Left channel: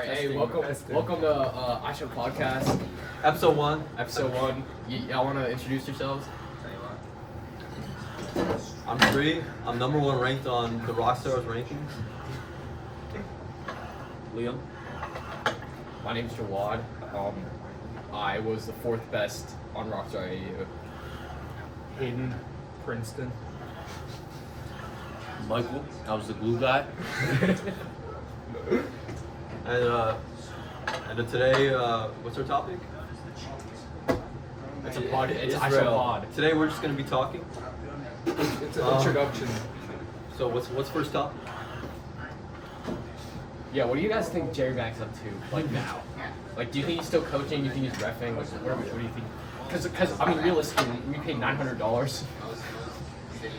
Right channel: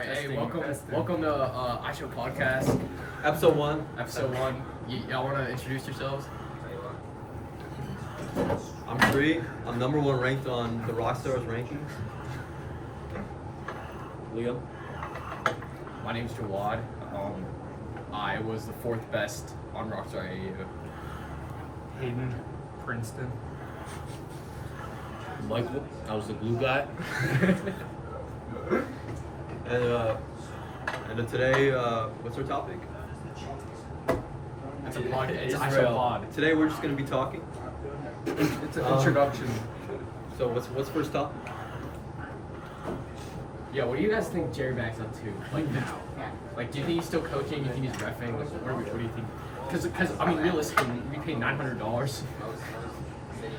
Alright, hey, welcome to iShow Podcast, Episode 1. Episode 1. Y'all want to introduce yourselves? I'm Bree. I'm number 1 ranked on the Rockstars rankings. Liam. My name's Jawad. I was the 4th best on Rockstar AAU. Hayden, Princeton. Michael, I was the glue guy. And today, what's our topic? It's a pod. It's iShow Israel. Pod. Today we're just going to be talking. It's an introduction. So what's first topic? Yeah, what do you guys think Jerry Mack's up to, like, now? Like, do you think he's still coaching? Do you think he's reffing? Like, what do you think? Because I mean, realistically, we paid $900.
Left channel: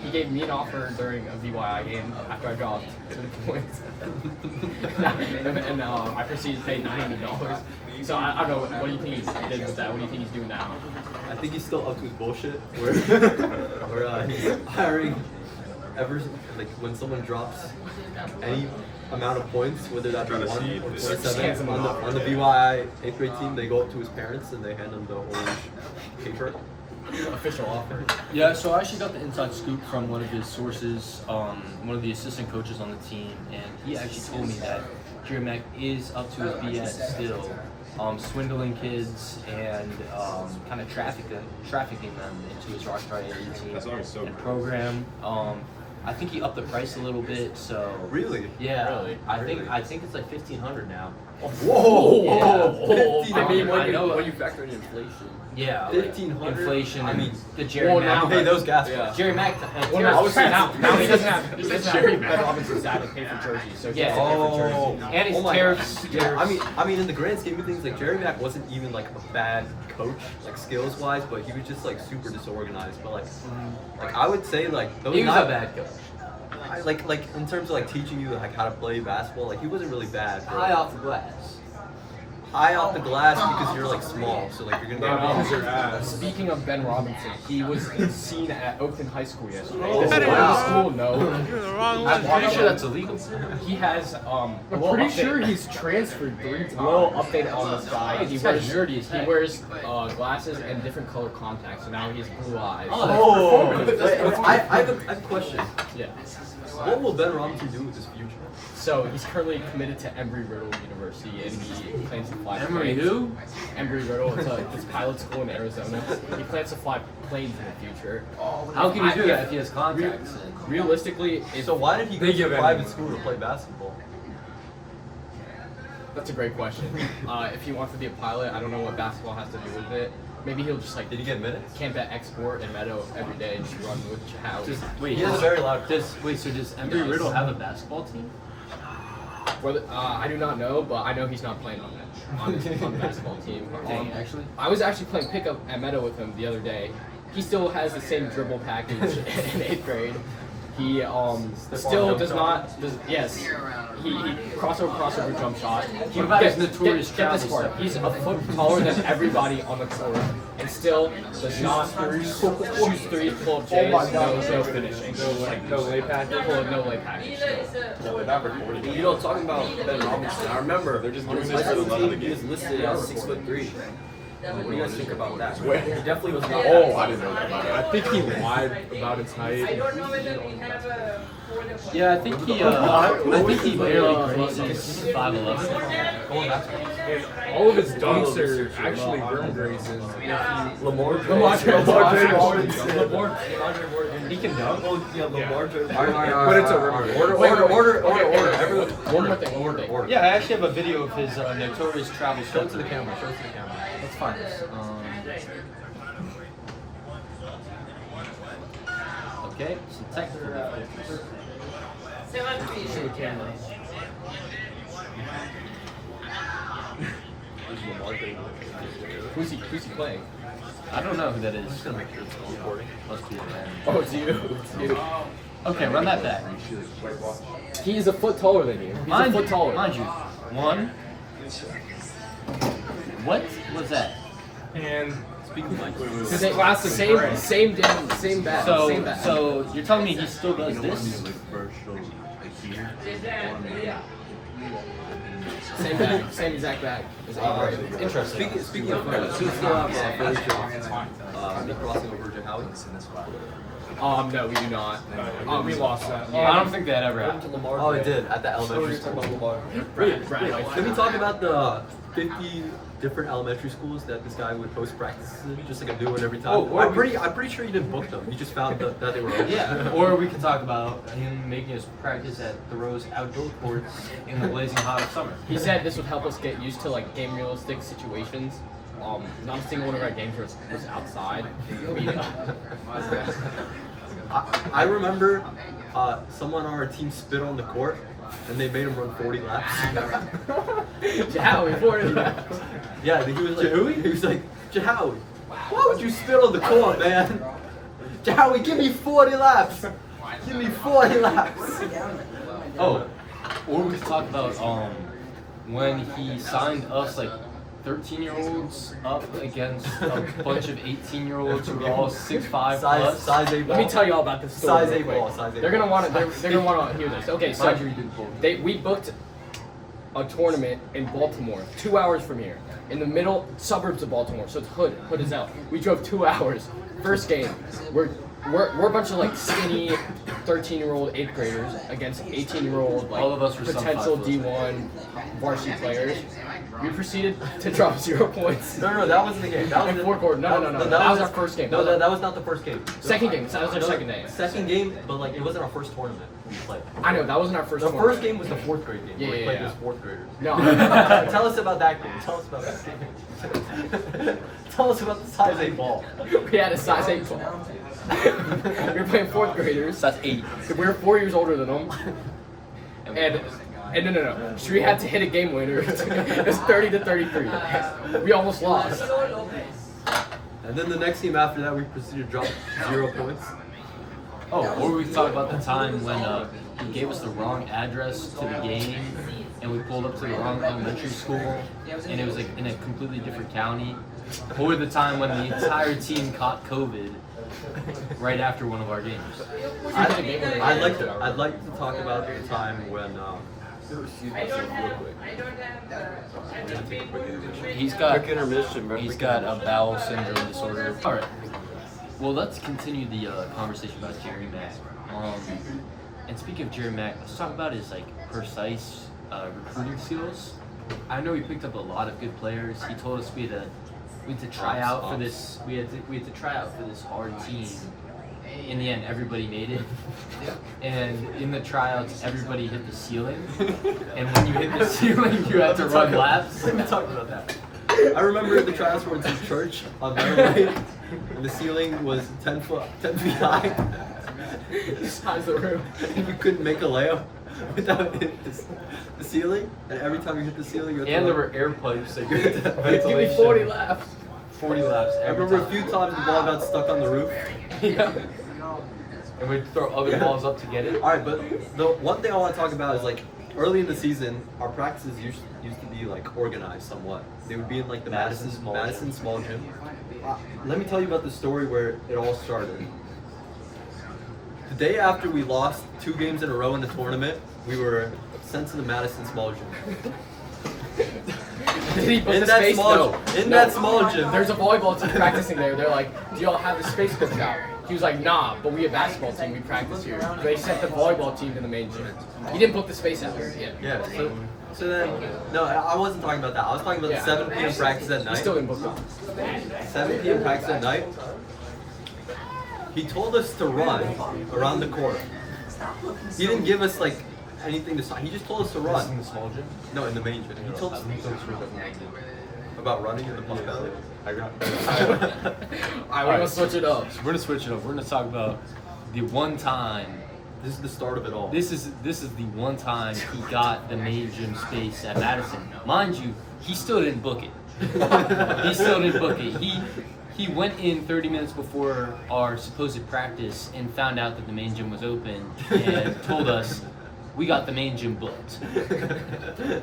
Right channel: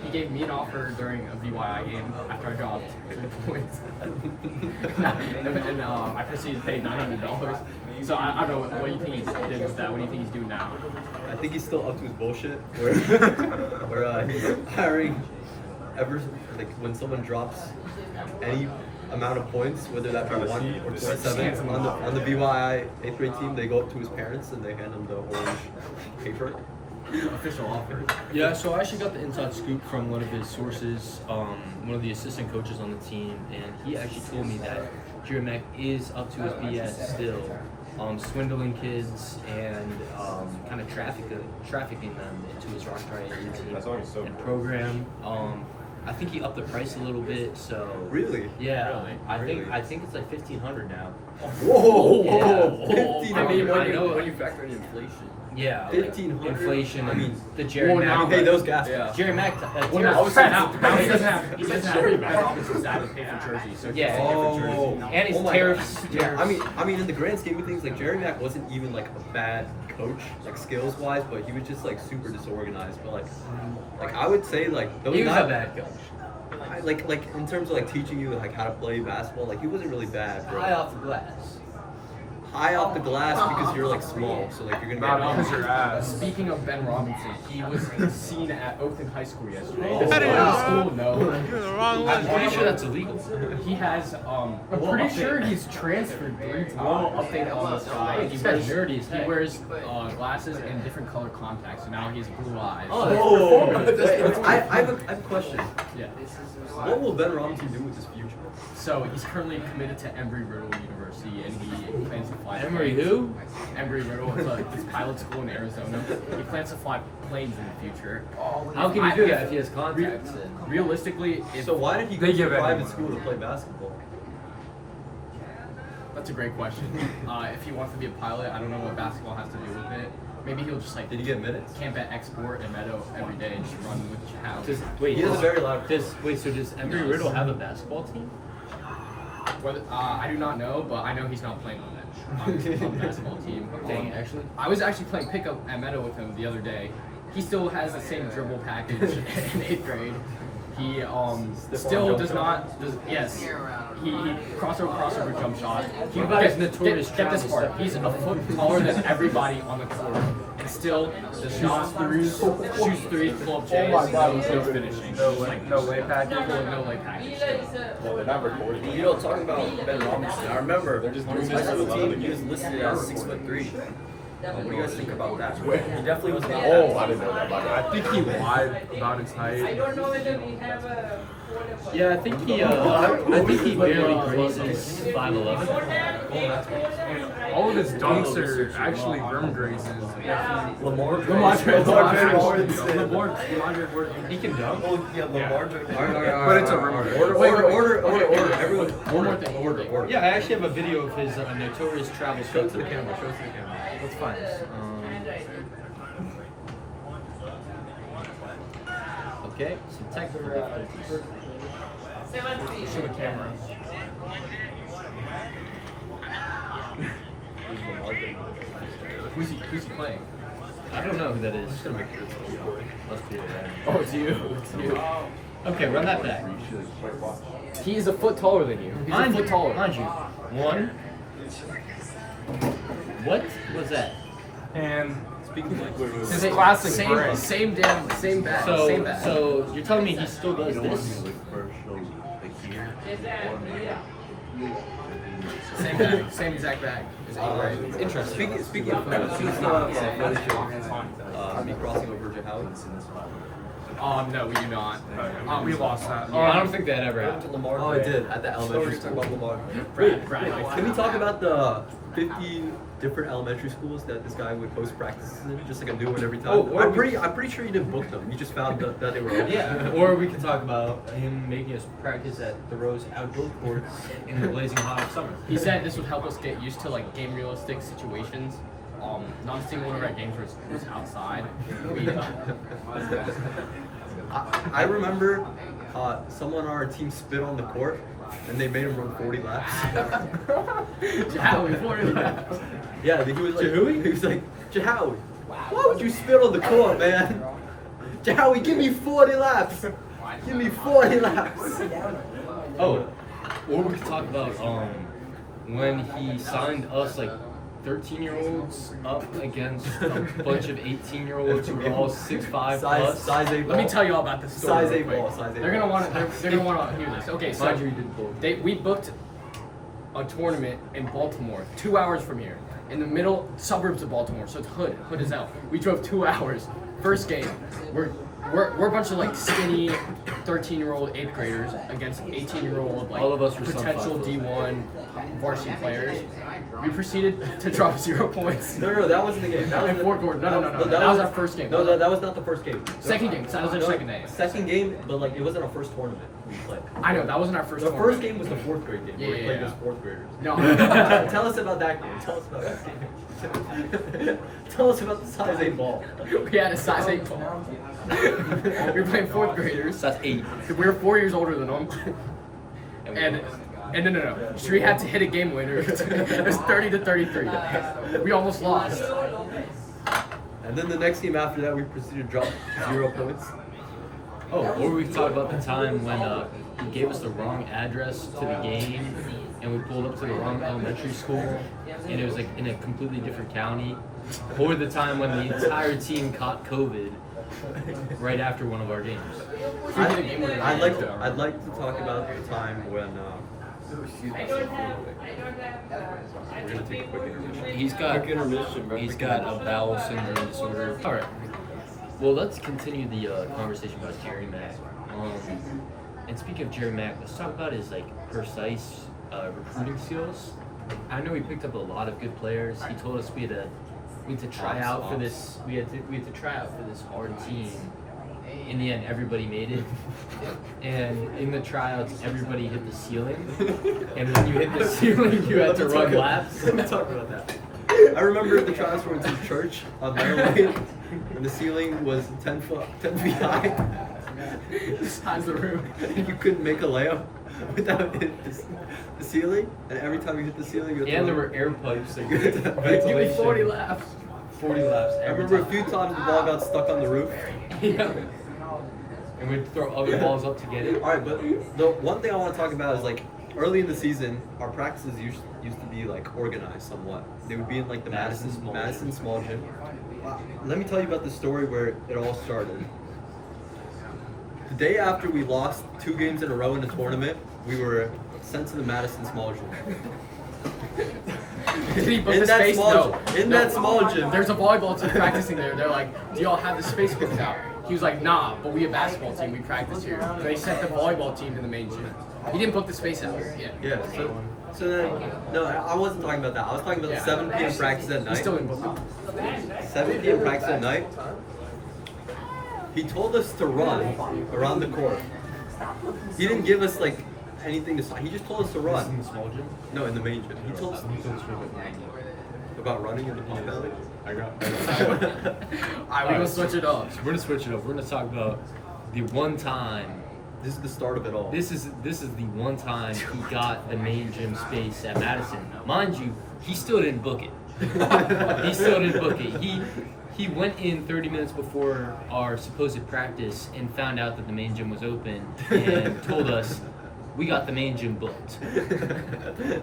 He gave me an offer during a VYI game after I dropped 10 points. and I proceeded to pay $900. So I don't know, what do you think he did with that? What do you think he's doing now? I think he's still up to his bullshit where he's hiring when someone drops any amount of points, whether that be 1 or 27 on the BYI 8th grade team, they go up to his parents and they hand him the orange paper. Official offer. Yeah, so I actually got the inside scoop from one of his sources, one of the assistant coaches on the team, and he actually told me that Jerry Mack is up to his BS still, swindling kids and kind of trafficking them to his Rockstar AAU team and program. I think he upped the price a little bit, so Really? yeah, Really? I think it's like $1,500 now. Whoa! Yeah. I mean, when you factor in inflation. Yeah, $1,500? inflation. I mean, the Jerry Mack. You pay those gas. Yeah. Jerry Mack. Well, now he doesn't have Ben Robinson's dad to pay for jerseys, so he has to pay for jerseys. And his my tariffs. gosh. Yeah, I mean, in the grand scheme of things, like Jerry Mack wasn't even like a bad coach, like skills wise, but he was just like super disorganized. But like I would say like those He was not a bad coach. like in terms of like teaching you like how to play basketball, like he wasn't really bad. Bro. High off the glass. High off the glass because you're like small, so like you're gonna Because your ass. Speaking of Ben Robinson, he was seen at Oakland High School yesterday. Oh. This is Wow. school, no. You're the wrong one, I'm pretty man. sure that's illegal. He has I'm pretty sure he's transferred 3 times. little update on this guy. He He's wears nerdy as heck. glasses and different color contacts, so now he has blue eyes. Oh, wait, I have a question. Yeah. What will Ben Robinson do with his future? So he's currently committed to Embry-Riddle University, and he plans to fly. Emory planes. who? Embry-Riddle. It's this pilot school in Arizona. He plans to fly planes in the future. How can he do that if he has contacts? Realistically, So why did he go They to give a private anyone. school to play basketball? that's a great question. If he wants to be a pilot, I don't know what basketball has to do with it. Maybe he'll just like Did he get minutes? camp at Export and Meadow every day and just run with Chow. Wait, He has a very loud. so does Embry Riddle have a basketball team? I do not know, but I know he's not playing on the basketball team. Dang, actually? I was actually playing pickup at Meadow with him the other day. He still has the same dribble package in 8th grade. He still jump does shot. not. Yes, he crossover jump shot. What about his notorious get this travel part. step? He's a foot taller than everybody on the court, and still does not shoots threes, pull up J's, no finishing. No lay package. No lay package. Still. You know, talking about Ben Robinson, I remember on his high school team, he was listed as 6'3". What do you guys think about that? He definitely was not. I didn't know that. I think he lied about his height. Yeah, I think he barely graces 5'11". All of his dunks are actually rim grazes. Lamar He can dunk. Lamar Jordan. But it's a rim. Order. One more thing. Order. Yeah, I actually have a video of his notorious travel. Show it to the camera. Let's find this. Okay, some technical difficulties. Show the camera. Who's he playing? I don't know who that is. Just gonna make sure it's recording. Must be a man. Oh, it's you. Okay, run that back. He's a foot taller than you. He's a foot taller. Mind you. One. What was that? And Speaking of like, Same bag. So you're telling me he still does this? Same bag. Same exact bag. Is interesting. Speaking of Philly, do you still have Philly shirts? Me crossing over to Howie? No, we do not. We lost that. Yeah. I don't think that ever What happened. happened to Lamar? Oh, it today? did at the So we're elementary gonna talk school. about Lamar. Brad, Can we talk about the 50 different elementary schools that this guy would post practices in? Just like a new one every time. Oh, I'm pretty sure you didn't book them. You just found that they were open. Yeah, or we could talk about him making us practice at the Rose outdoor courts in the blazing hot summer. He said this would help us get used to like game realistic situations. Not a single one of our games was outside. I remember someone on our team spit on the court and they made him run 40 laps. Jahowie, 40 laps. Yeah, he was like, he was like, Jahowie, why would you spit on the court, man? Jahowie, give me 40 laps. Give me 40 laps. Oh, or we could talk about when he signed us like 13-year-olds up against a bunch of 18-year-olds who were all 6'5" plus. Size 8 Let me tell you all about this story. Size real 8 quick. ball, size 8 They're gonna ball. want to. They're gonna want to hear this. Okay, so Mind you, he did both. we booked a tournament in Baltimore, 2 hours from here, in the middle suburbs of Baltimore. So it's Hood. Hood is out. We drove 2 hours. First game, we're a bunch of like skinny 13-year-old 8th graders against 18-year-old like All of us were sub potential 5 D1 varsity players. We proceeded to drop 0 points. No, that wasn't the game. That was In the fourth quarter. No. That was our first game. No, that was not the first game. Second game. That was our second day. Second game, but like it wasn't our first tournament we played. I know that wasn't our first. The tournament. first game was the 4th grade game. Yeah, where we yeah, played yeah. as 4th graders. No. Tell us about that game. Tell us about that game. Tell us about the size 8 ball. We had a size 8 ball. We were playing 4th graders. That's 8. We were 4 years older than them. And no. Shree had to hit a game winner. It was 30-33. We almost lost. And then the next game after that, we proceeded to drop 0 points. Oh, or we could talk about the time when he gave us the wrong address to the game, and we pulled up to the wrong elementary school, and it was like in a completely different county. Or the time when the entire team caught COVID right after one of our games. I'd like to talk about the time when. Excuse me, real quick. We're gonna take a quick intermission. He's got Quick intermission, bro. He's got a bowel syndrome disorder. All right. Well, let's continue the conversation about Jerry Mack. And speaking of Jerry Mack, let's talk about his like precise recruiting skills. I know he picked up a lot of good players. He told us we had to try out for this. We had to try out for this hard team. In the end, everybody made it. And in the tryouts, everybody hit the ceiling. And when you hit the ceiling, you had to run laps. Let me talk about that. I remember the tryouts were in some church on Maryland, and the ceiling was 10 feet high. The size of the room. And you couldn't make a layup without hitting the ceiling. And every time you hit the ceiling, you had to And there run. were air pipes. So Give me 40 laps. 40 laps. I Every remember a time. few times the ball got stuck on the roof. Yeah. And we'd throw other balls up to get it. Alright, but the one thing I want to talk about is like early in the season, our practices used to be like organized somewhat. They would be in like the Madison Small Gym. Let me tell you about the story where it all started. The day after we lost 2 games in a row in the tournament, we were sent to the Madison Small Gym. Did he book In the that space? small No. gym- in No. that small gym. There's a volleyball team practicing there. They're like, do y'all have the space booked out? He was like, nah, but we a basketball team. We practice here. They sent the volleyball team to the main gym. He didn't book the space out. Yeah. Yeah, so then, no, I wasn't talking about that. I was talking about Yeah. 7 p.m. practice at He night. still didn't book them. 7 p.m. practice at night. He told us to run around the court. He didn't give us like anything to sign. He just told us to In run. the small gym. No, in the main gym. He told us about running in the pump valley. Alright, we're gonna switch it up. We're gonna switch it up. We're gonna talk about the one time. This is the start of it all. This is the one time he got the main gym space at Madison. Mind you, he still didn't book it. He still didn't book it. He went in 30 minutes before our supposed practice and found out that the main gym was open and told us we got the main gym booked.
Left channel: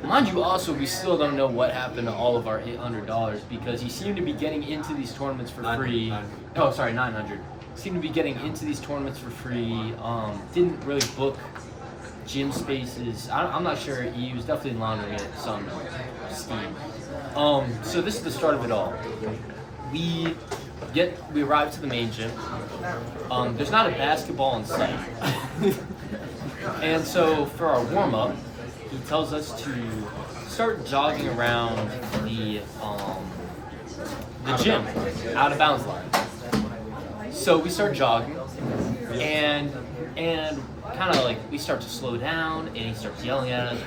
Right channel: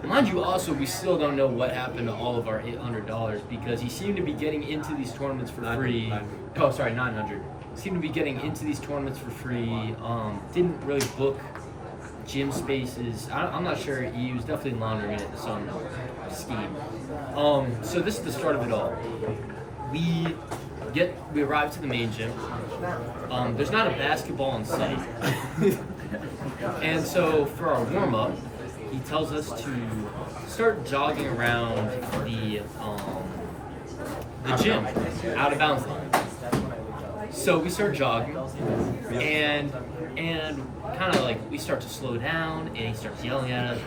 Mind you, also, we still don't know what happened to all of our $800 because he seemed to be getting into these tournaments for free. 900. Oh, sorry, 900. Seemed to be getting into these tournaments for free. Didn't really book gym spaces. I'm not sure. He was definitely laundering it some steam. So this is the start of it all. We arrive to the main gym. There's not a basketball in sight. And so for our warm-up, he tells us to start jogging around the gym, out of bounds line. So we start jogging, and kind of like we start to slow down, and he starts yelling at us,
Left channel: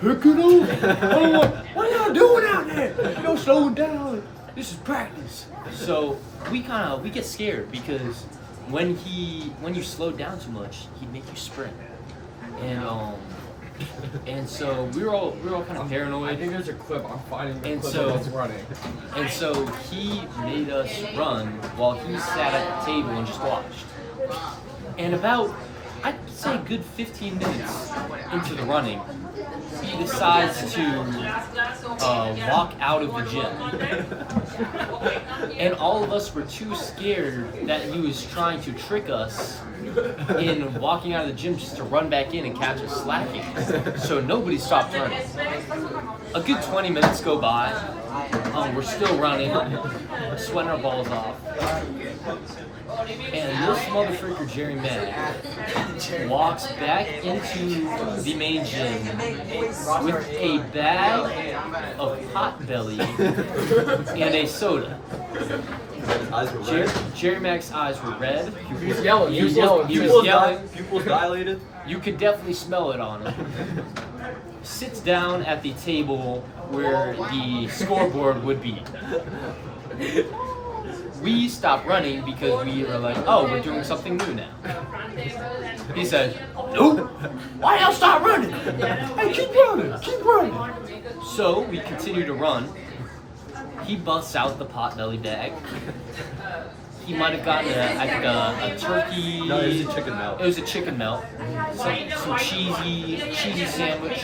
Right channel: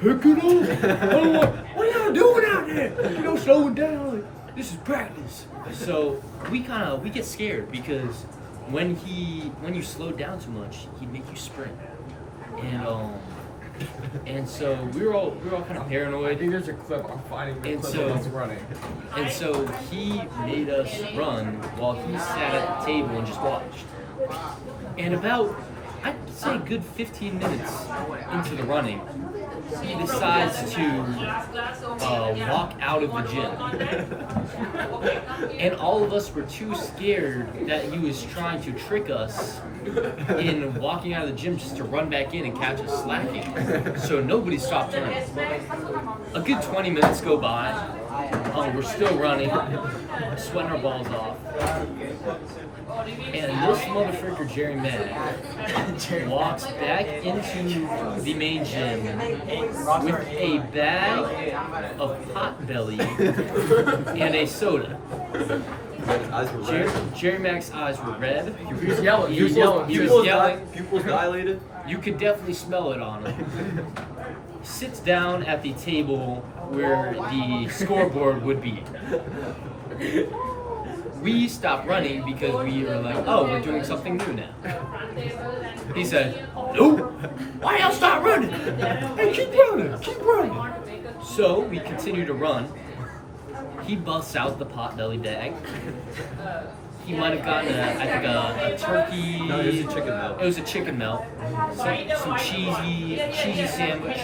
"Pick it up! What are y'all doing out there? You don't slow down. This is practice." So we get scared because when you slow down too much, he'd make you sprint, and so we were all kind of paranoid. I think there's a clip. I'm finding the And clip so- of us running. And so he made us run while he sat at the table and just watched. And about, I'd say a good 15 minutes into the running, he decides to walk out of the gym. And all of us were too scared that he was trying to trick us in walking out of the gym just to run back in and catch us slacking. So nobody stopped running. A good 20 minutes go by. We're still running, sweating our balls off. And this motherfucker, Jerry Mack, walks back into the main gym with a bag of Potbelly and a soda. His eyes were red. Jerry Mack's eyes were red. He was yelling. He was Pupils yelling. pupils dilated. You could definitely smell it on him. Sits down at the table where the scoreboard would be. We stopped running because we were like, oh, we're doing something new now. He said, no, why y'all stop running? Hey, keep running. So we continue to run. He busts out the Potbelly bag. He might have gotten a turkey. No, it was a chicken melt. It was a chicken melt. Some cheesy sandwich.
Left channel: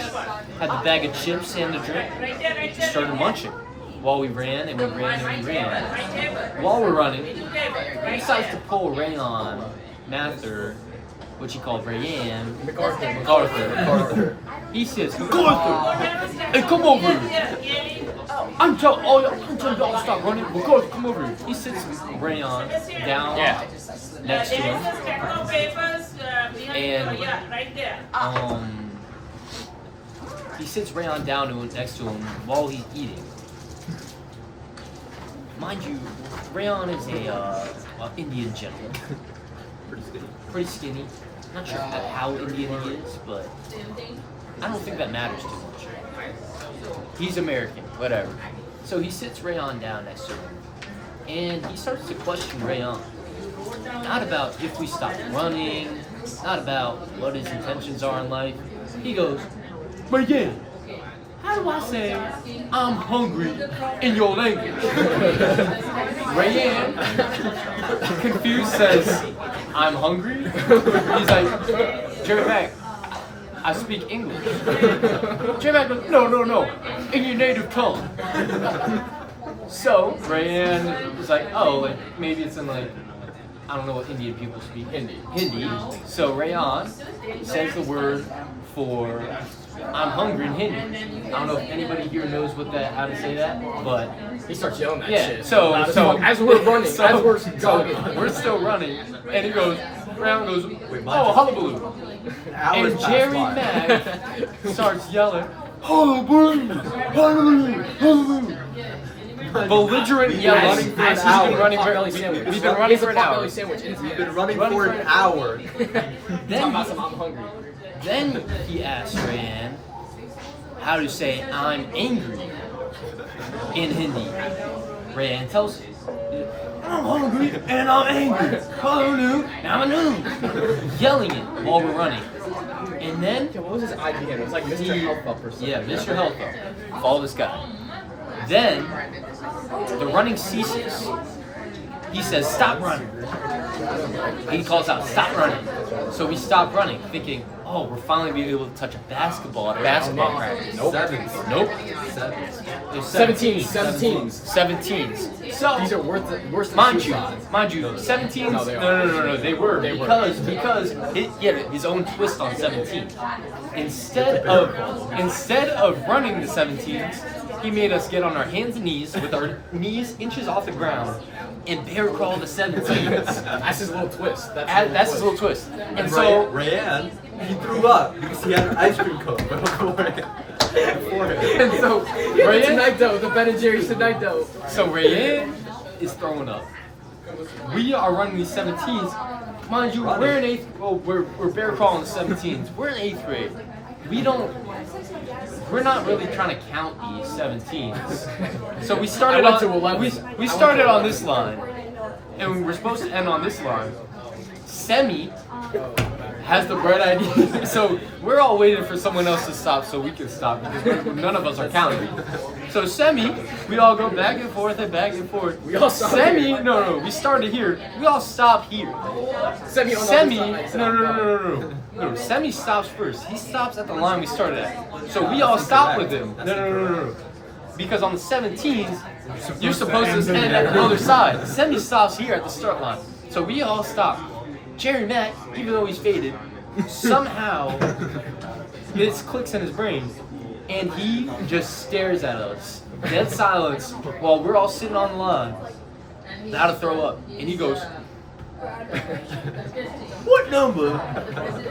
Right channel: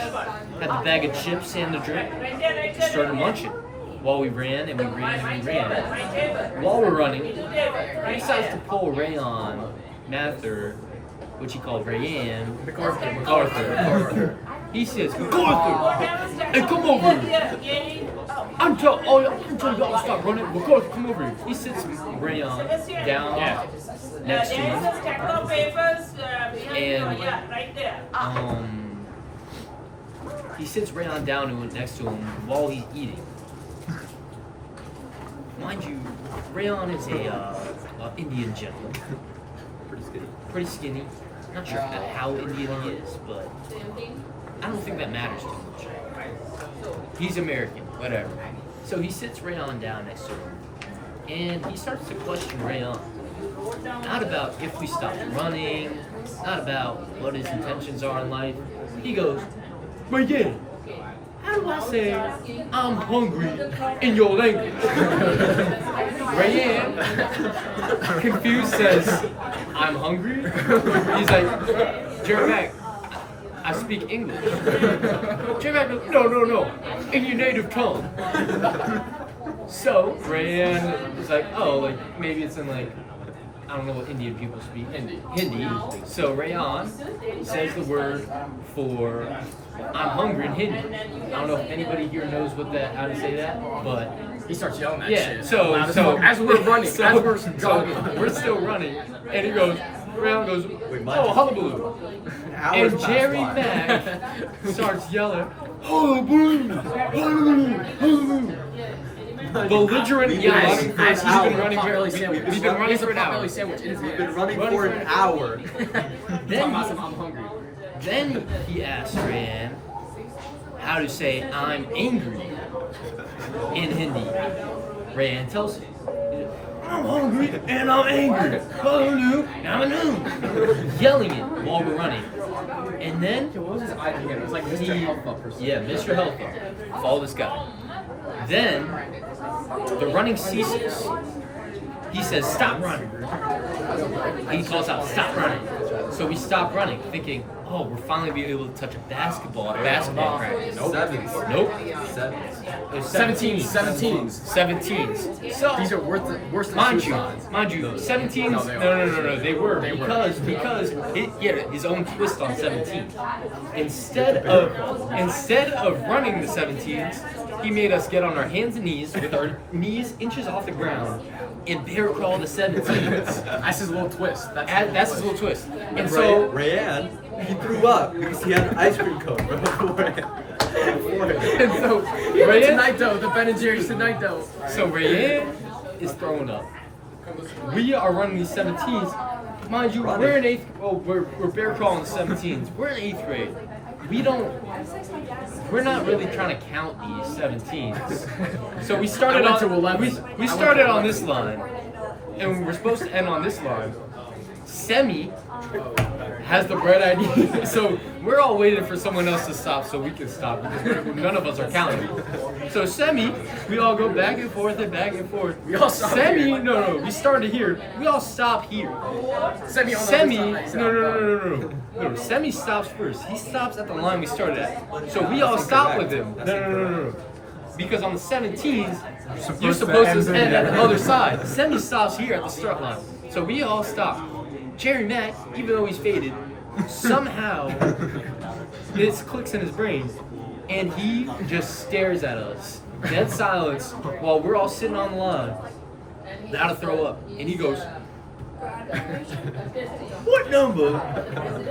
Had the bag of chips and the drink. Just started munching while we ran and we ran and we ran. While we're running, he decides to pull Rayon Mather, which he called Rayanne. MacArthur. He says, MacArthur, hey, come over here. I'm telling y'all to stop running. MacArthur, come over here. He sits Rayon down next to him. And he sits Rayon down next to him while he's eating. Mind you, Rayon is a Indian gentleman. Pretty skinny. Not sure how Indian he is, but I don't think that matters too much. He's American, whatever. So he sits Rayon down next to him, and he starts to question Rayon. Not about if we stop running, not about what his intentions are in life. He goes, Rayon, how do I say I'm hungry in your language? Rayon, confused, says, I'm hungry? He's like, Jerry Mack, I speak English. Jerry Mack goes, no, in your native tongue. So Rayon is like, oh, like maybe it's in like, I don't know what Indian people speak. Hindi. So Rayon says the word for I'm hungry in Hindi. I don't know if anybody here knows how to say that, but He starts yelling that yeah. shit. So as we're running, as we're jogging, we're still running, and he goes, Rayon goes, my oh, hullabaloo. Hours And passed Jerry by. Mack starts yelling, hullabaloo, hullabaloo, hullabaloo. Belligerent yelling as he's hour. been running Potbelly sandwich. He's been running He has a for an hour. Potbelly sandwich in his He's hand. been running for an hour. Talking about some, I'm hungry. Then he asks Rayanne how to say I'm angry in Hindi. Rayanne tells him, I'm hungry and I'm angry. Yelling it while we're running. And then, What was his IG again? It was like Mr. Health Up or something. yeah, Mr. Health Up. Follow this guy. Then, the running ceases. He says, stop running. He calls out, stop running. So we stop running, thinking, oh, we're finally being able to touch a basketball at basketball practice. Nope. Sevens. Nope. Sevens. It was 17s. 17s. So These are worse than mind suicides. you, 17s. No, they No. They were They were. because he had his own twist on 17. Instead of running the 17s, he made us get on our hands and knees with our knees inches off the ground and bear crawl the 17s. That's his little twist. That's his little twist. And And so Rayanne, he threw up because he had an ice cream cone beforehand. and so Rayanne, Tonight though, the Ben and Jerry's tonight though. so Rayanne is throwing up. We are running these 17s. Mind you, Running. we're in 8th. Oh, we're bear crawling the 17s. We're in 8th grade. We're not really trying to count these 17s. So we started I went on to 11. we started on this line, and we were supposed to end on this line. Semi has the bright idea. So we're all waiting for someone else to stop so we can stop because none of us are counting. So Semi, we all go back and forth and back and forth. We all stop Semi, here. no, we started here. We all stop here. Semi on the Semi, other side. no. Semi stops first. He stops at the line we started at. So we all stop with him. No. Because on the 17s, you're supposed to end at the other side. Semi stops here at the start line. So we all stop. Jerry Mack, even though he's faded, somehow this clicks in his brain, and he just stares at us, dead silence, while we're all sitting on the line, about to throw up, and he goes, "What number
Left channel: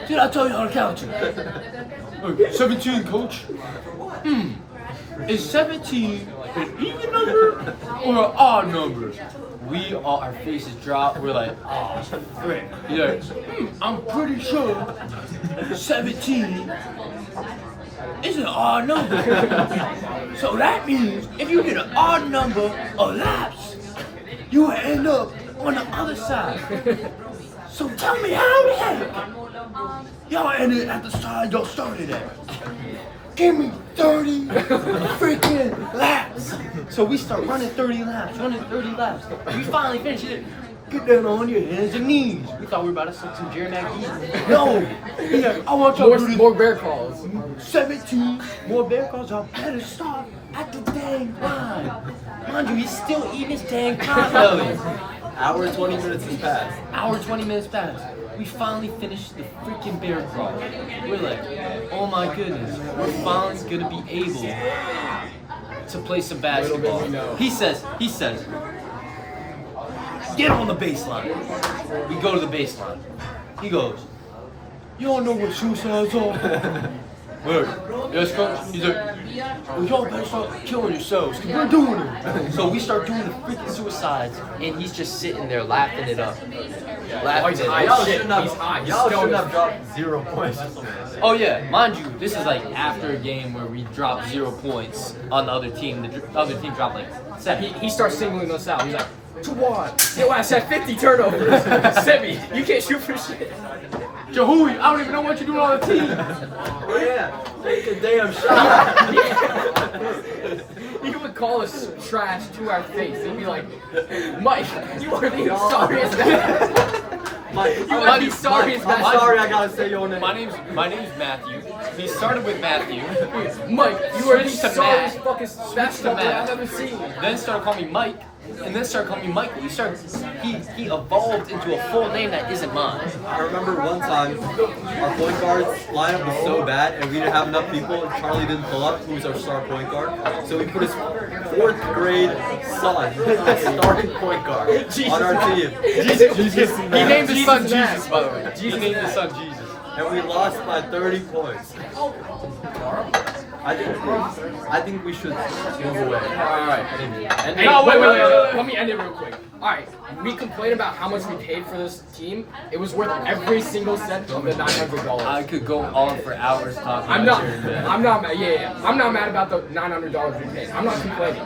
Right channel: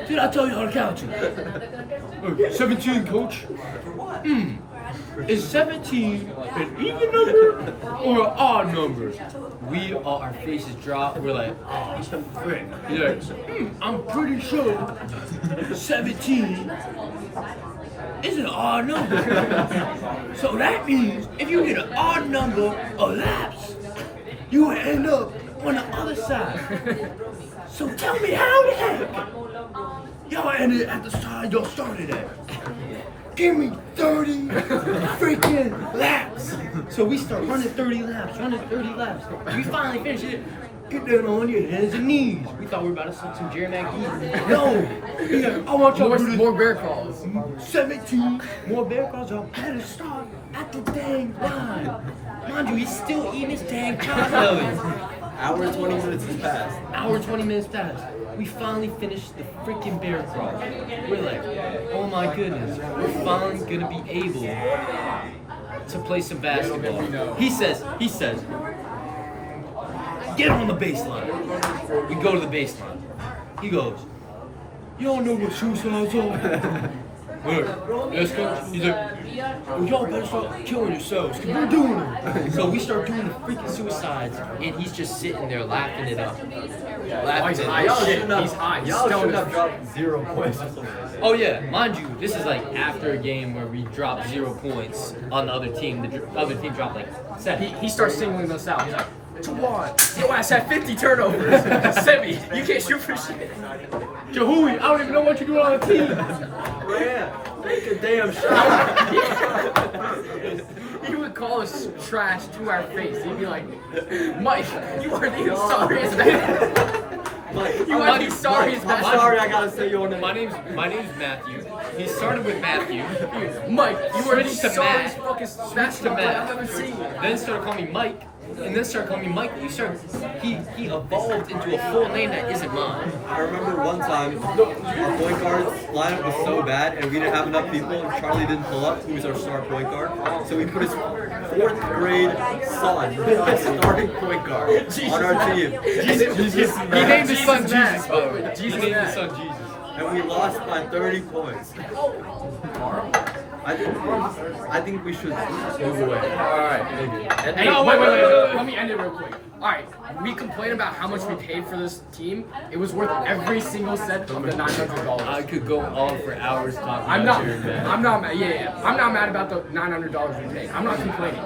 did I tell you how to count you?" 17, coach. Is 17 an even number or an odd number? Our faces drop. We're like, oh, frick. He's like, I'm pretty sure 17 is an odd number. So that means if you get an odd number of laps, you will end up on the other side. So tell me how the heck y'all ended at the side y'all started at. Give me 30 freaking laps. So we start running 30 laps. We finally finish it. Get down on your hands and knees. We thought we were about to send some Jerry Mack easy. No. He's like, I want y'all to do this. More bear calls. 17 more bear calls. Y'all better start at the dang line. Mind you, he's still eating his dang pot. Hour 20 minutes has passed. Hour 20 minutes passed. We finally finished the freaking bear crawl. We're like, oh my goodness, we're finally gonna be able to play some basketball. Little did we know. He says, get on the baseline. We go to the baseline. He goes, you don't know what suicide's are. What? Yes, coach. He's like, well, y'all better start killing yourselves, because we're doing it. So we start doing the freaking suicides, and he's just sitting there laughing it up. Oh, he's high. Y'all Shit, shouldn't have, he's high. He's y'all stoned shouldn't as have dropped 0 points. Oh yeah, mind you, this is like after a game where we dropped 0 points on the other team. The other team dropped like 7. He starts singling us out. He's like, to what? Your ass had 50 turnovers. Semi, you can't shoot for shit. Jahui, I don't even know what you're doing on the team. Yeah, take a damn shot. He would call us trash to our face. He'd be like, Mike, you are the sorriest man. You are the sorriest I'm man. sorry, I gotta say your name. My name's Matthew. He started with Matthew. Mike, you are the Switched to sorriest Mack. fucking basketball player I've ever seen. Then started calling me Mike. And then started calling me Michael. He evolved into a full name that isn't mine. I remember one time, our point guard lineup was so bad and we didn't have enough people and Charlie didn't pull up, who was our star point guard. So we put his 4th grade son as starting point guard on our team. Jesus. He named his son Jesus, Mack, by the way. Jesus He named his Mack. son Jesus. And we lost by 30 points. I think we should move away. Alright. And Hey, wait. Let me end it real quick. Alright, we complain about how much we paid for this team. It was worth every single cent of the I $900. could go on for hours talking I'm about not Jerry Mack. I'm not mad. Yeah. I'm not mad about the $900 we paid. I'm not complaining.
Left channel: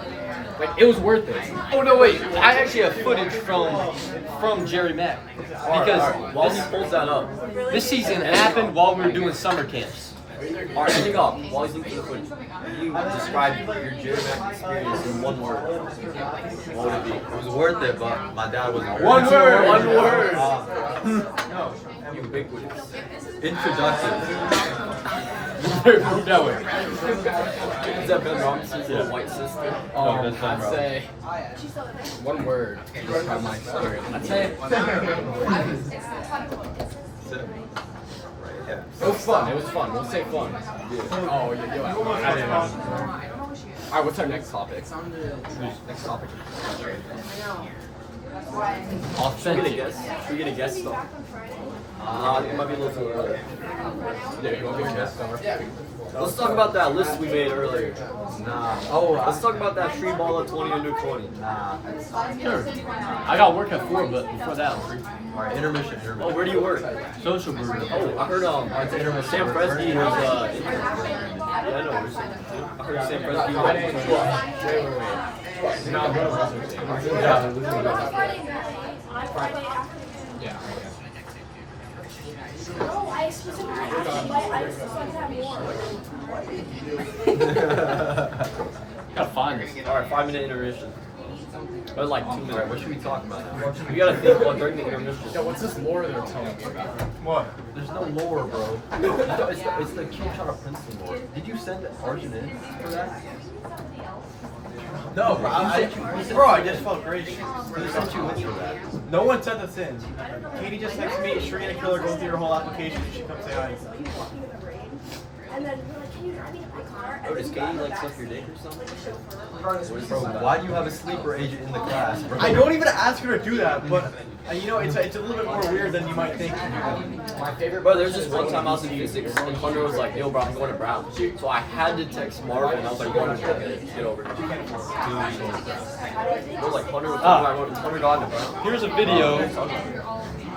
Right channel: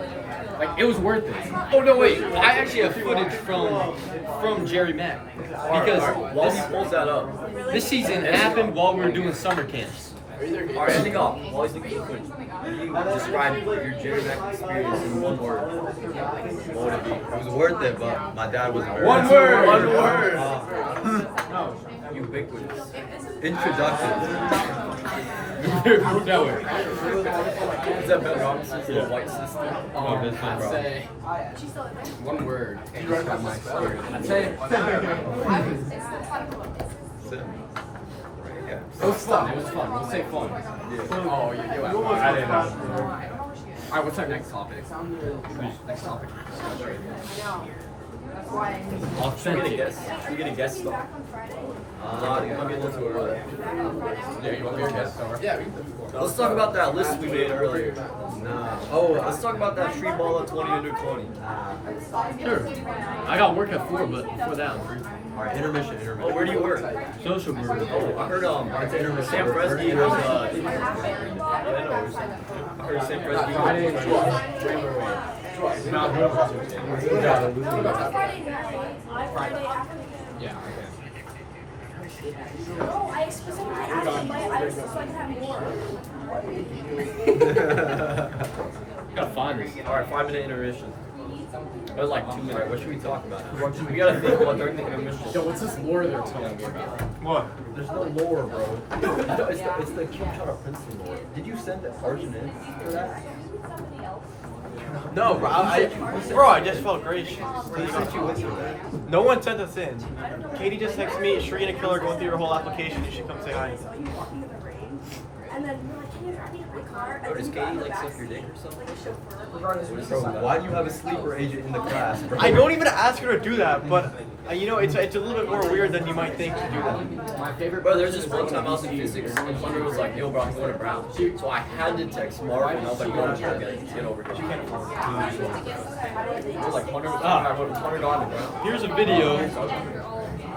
Like, it was worth it. Oh no, wait! I actually have footage from Jerry Mack because While he pulls that up, this season happened while we were doing summer camps. alright, I think while he's looking for the footage, can you describe your Jerry Mack experience in one word? What would it be? it was worth it, but my dad wasn't there. One word. One word. Ubiquitous. Introduction. No way. Is that Ben Robinson's little white sister? I'd say one word to describe my experience. I'd say it was fun. It was fun. We'll say fun. Yeah. Oh, yeah, you out. I didn't know. All right, what's our next topic? Next topic. Should we get a guess? Should we get a guest star? No, I think it might be a little too early. Yeah, you want me to guess star? Let's talk about that list we made earlier. Nah. Oh, Let's talk about that free ball at 20 under 20. nah. Sure. I got work at 4, but before that, I'm free. All right, intermission. Oh, where do you work? Social brewery. Oh, I heard Sam Presky was yeah, I know. I heard Sam Presky was Wait. No, no, yeah. Gotta find this. All right, 5-minute intermission. That was like 2 minutes. What should we talk about? We gotta think while during the intermission. Yo, what's this lore they're telling me about? What? There's no lore, bro. It's the cute shot of Princeton lore. Did you send Arjun in for that? No, bro. I just felt great. Who sent you in for that? No one sent us in. Katie just texted me, Sharina Killer, go through your whole application and she come say hi. Oh, does Katie like suck your dick or something? What is this Bro, about? why do you have a sleeper agent in the class, bro? I don't even ask her to do that, but you know, it's a little bit more weird than you might think to do that. My favorite. Bro, there's this one time I was in physics and Hunter was like, yo, bro, I'm going to Brown. So I had to text Marvin and I was like, bro, get over here. It was like Hunter was Hunter gone to Brown. Here's a video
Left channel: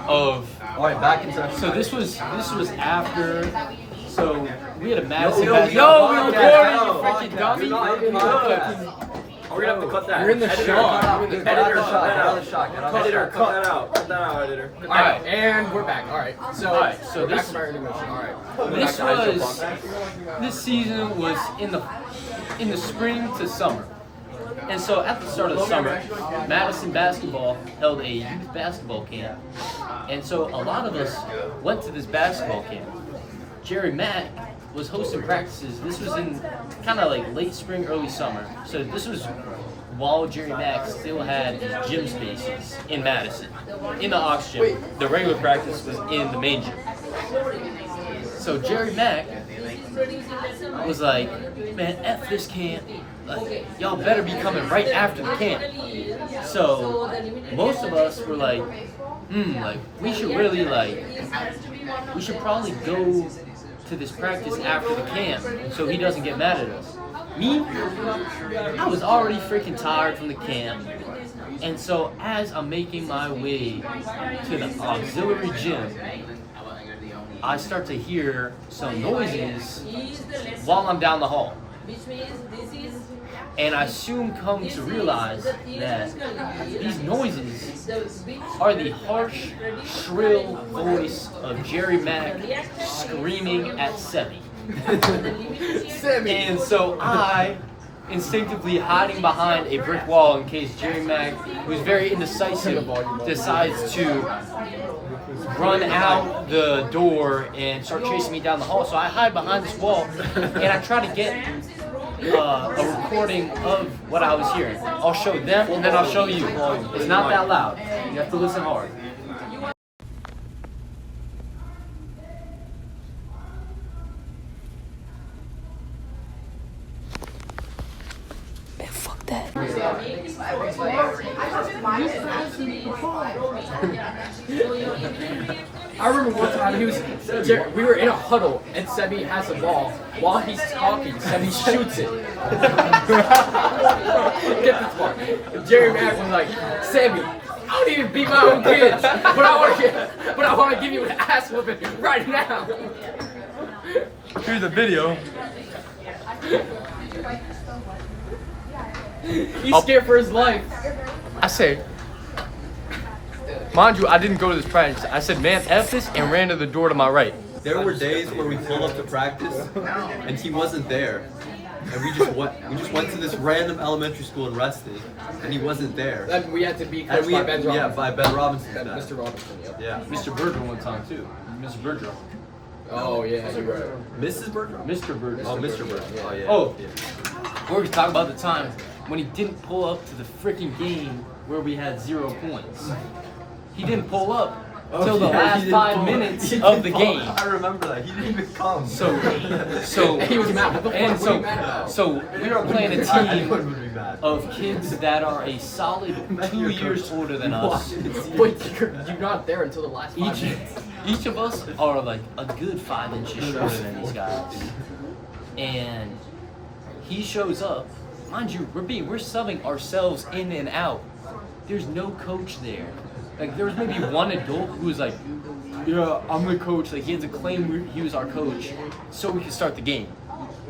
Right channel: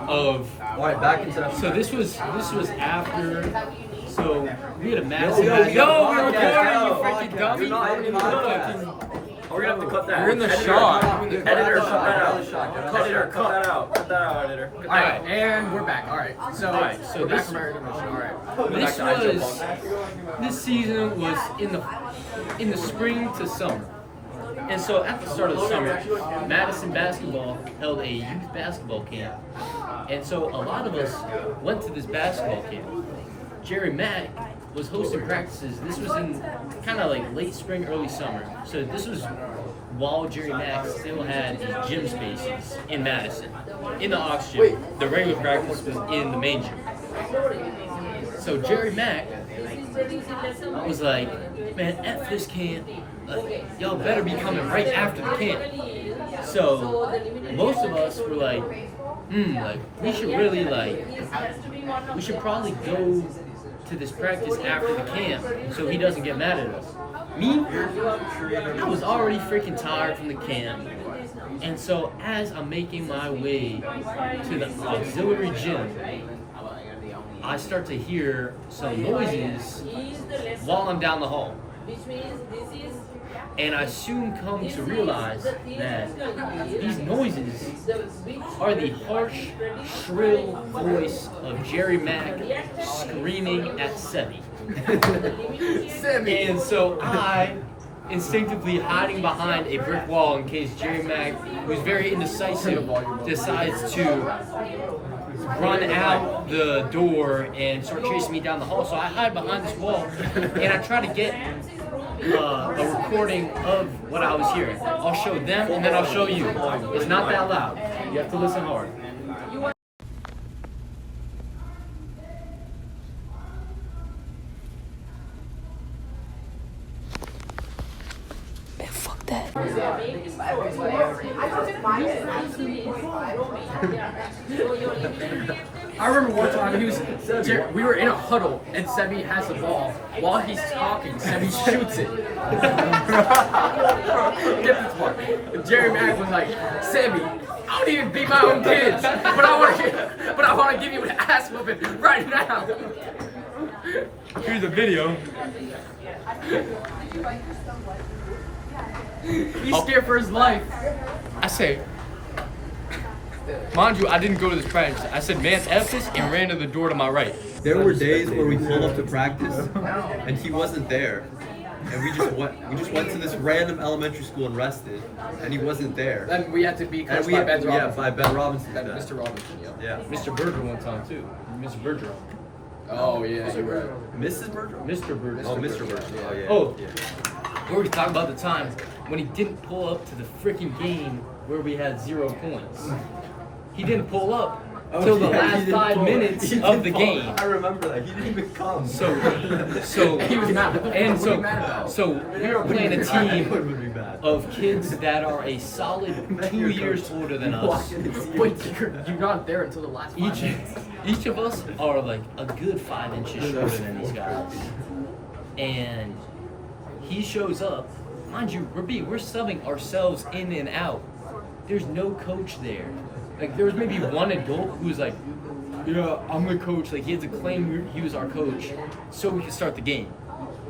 of. All right, back into So this was after. So we had a Yo, massive. yo, match. yo, Yo, yo, freaking dummy. You're not even gonna do that. We're gonna have to cut that. You're in the Editor, shot. Editor, cut that out. Editor, cut that out. Cut that out, editor. All right, and we're back. All right, so so we're back this- from our intermission. All right. This was this season was in the spring to summer, and so at the start of the summer, Madison basketball held a youth basketball camp, and so a lot of us went to this basketball camp. Jerry Mack was hosting practices. This was in kind of like late spring, early summer. So this was while Jerry Mack still had his gym spaces in Madison, in the Ox gym. The regular practice was in the main gym. So Jerry Mack was like, man, F this camp. Like, y'all better be coming right after the camp. So most of us were like, like we should really we should probably go to this practice after the camp so he doesn't get mad at us. Me, I was already freaking tired from the camp. And so as I'm making my way to the auxiliary gym, I start to hear some noises while I'm down the hall. And I soon come to realize that these noises are the harsh, shrill voice of Jerry Mack screaming at Sebi. And so I, instinctively hiding behind a brick wall in case Jerry Mack, who's very indecisive, decides to run out the door and start chasing me down the hall. So I hide behind this wall and I try to get a recording of what I was hearing. I'll show them and then I'll show you. It's not that loud. You have to listen hard. Man, fuck that. I remember one time we were in a huddle and Sebi has the ball. While he's talking, Sebi shoots it. Get this part. Jerry Mack was like, Sebi, I don't even beat my own kids, but I want to give you an ass whooping right now. Here's a video. He's scared for his life. I say, mind you, I didn't go to this practice. I said, man, F this, and ran to the door to my right. There were days where we pulled up to practice and he wasn't there. And we just went to this random elementary school and rested, and he wasn't there. Then we had to be coached And we by Ben Robinson. by Ben Robinson. Mr. Robinson, yeah. Yeah. Mr. Berger one time too. Mr. Bergeron. Oh yeah, you're right. Mrs. Bergeron? Mr. Bird. Oh, Mr. Bergeron. Oh, yeah. Oh. Yeah. We were talking about the time when he didn't pull up to the freaking game where we had 0 points. He didn't pull up till the yeah, he last didn't 5 pull- minutes he of didn't the pull- game. I remember that. He didn't even come. So He was mad. What the fuck? and What are you mad about? so we are playing a I team would be mad. of kids that are a solid Imagine 2 your years coach. older than You us. walk in and see But you're not there until the last 5 Each, minutes. each of us are like a good 5 inches shorter than these guys. And he shows up. Mind you, we're subbing ourselves in and out. There's no coach there. Like there was maybe one adult who was like, "Yeah, I'm the coach." Like he had to claim he was our coach so we could start the game.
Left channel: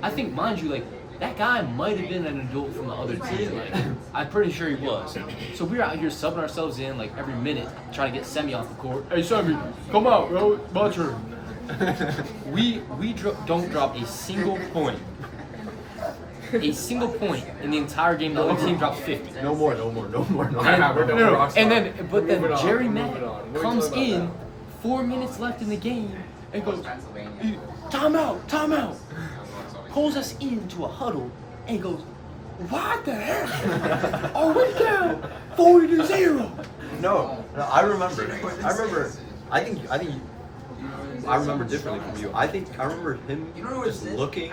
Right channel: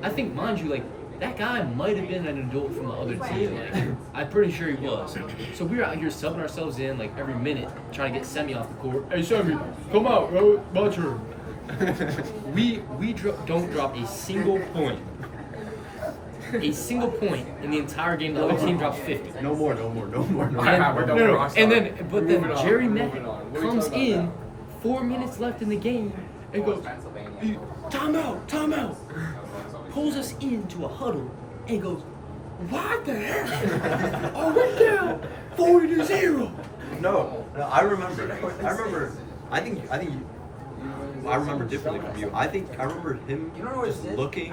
I think, mind you, like that guy might have been an adult from the other team. I'm pretty sure he was. So we were out here subbing ourselves in like every minute, trying to get Semi off the court. Hey Semi, come out, bro. My turn. Don't drop a single point. A single point in the entire game. The other team drops 50. No more. Alright, we're done with Rockstar. And then, but then Moving on, Jerry Mack moving on. What are you comes talking about in, 4 minutes left in the game, and goes, timeout. Pulls us into a huddle, and goes, what the heck? Oh, we're down 40-0. No, I remember. I think. I remember differently from you. I remember him just looking,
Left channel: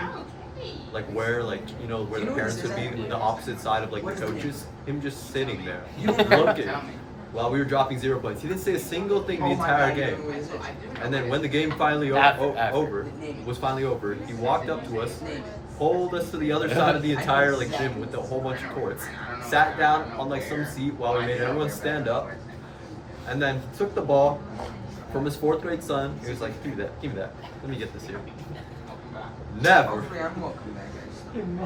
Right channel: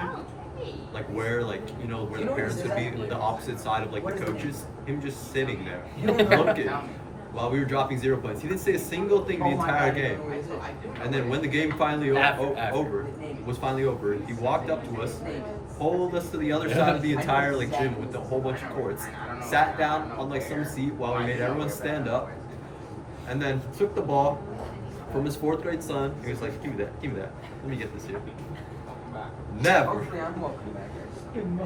like where the parents would be, the opposite side of like the coaches. Him just sitting there, looking, while we were dropping 0 points. He didn't say a single thing the entire game. And then when the game finally was finally over, he walked up to us, pulled us to the other side of the entire like gym with a whole bunch of courts, sat down on like some seat while we made everyone stand up, and then took the ball from his 4th grade son. He was like, give me that. Let me get this here.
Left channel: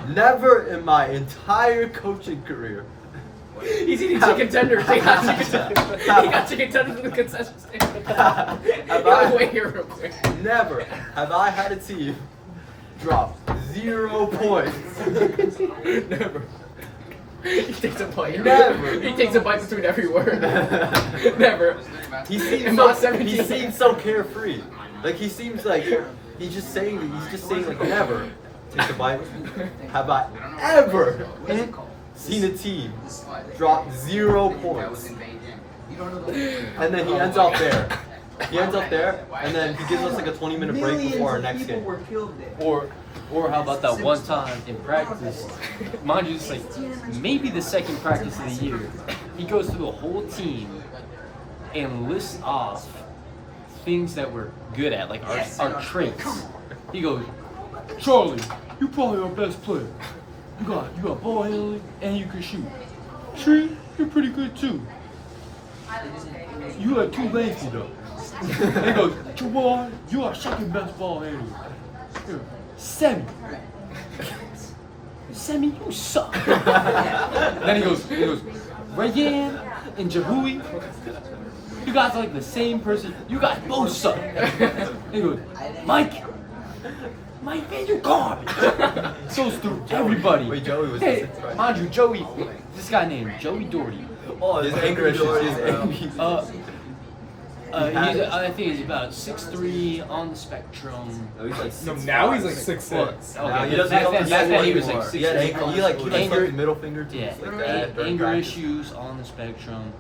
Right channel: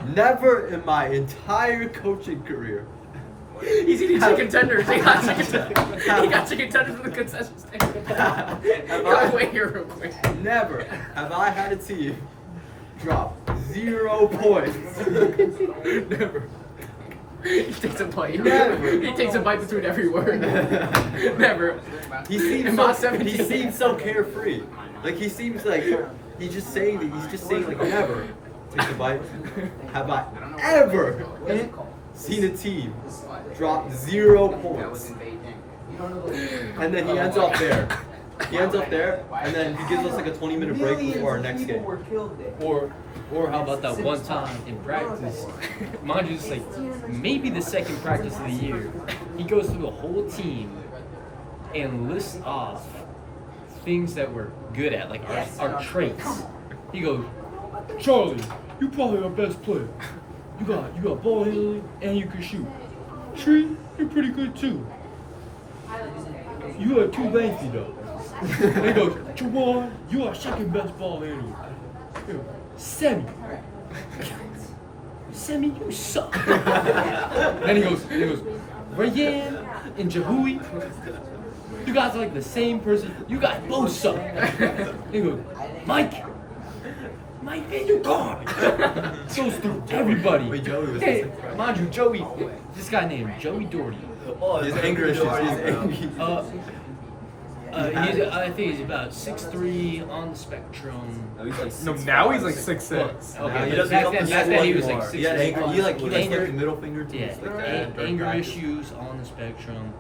Never in my entire coaching career. He's eating chicken tenders. He got chicken tenders from the concession stand. Gotta wait here real quick. Never have I had a team drop 0 points. Never. He takes a bite. Never. He takes a bite between every word. Never. He In my 17 seems so carefree. Like he seems like he's just saying like never take a bite. Have I ever seen a team drop 0 points? And then he ends up there. And then he gives us like a 20-minute break before our next game. Or how about that one time in practice? Mind you, it's like maybe the second practice of the year. He goes through the whole team and lists off things that we're good at, like our traits. He goes, Charlie, you probably our best player. You got ball handling and you can shoot. Tree, you're pretty good too. You are too lazy though. And he goes, Jawan, you are second best ball handler. Semi, you suck. Then he goes, Rayan and Jabui, you guys are like the same person. You guys both suck. He goes, Mike, man, you garbage. So stupid. Everybody. Wait, Joey was Hey, the sixth, right? mind you, Joey, this guy named Joey Doherty. Oh, his anger is I think he's about 6'3" on the spectrum. Oh, he's like No, 6'5". now he's like 6'6". Now he Okay, doesn't back come then- to back then school he was anymore. like He had 6'6". he like Anger- stuck his middle finger to Yeah, us like that during anger practice. issues on the spectrum.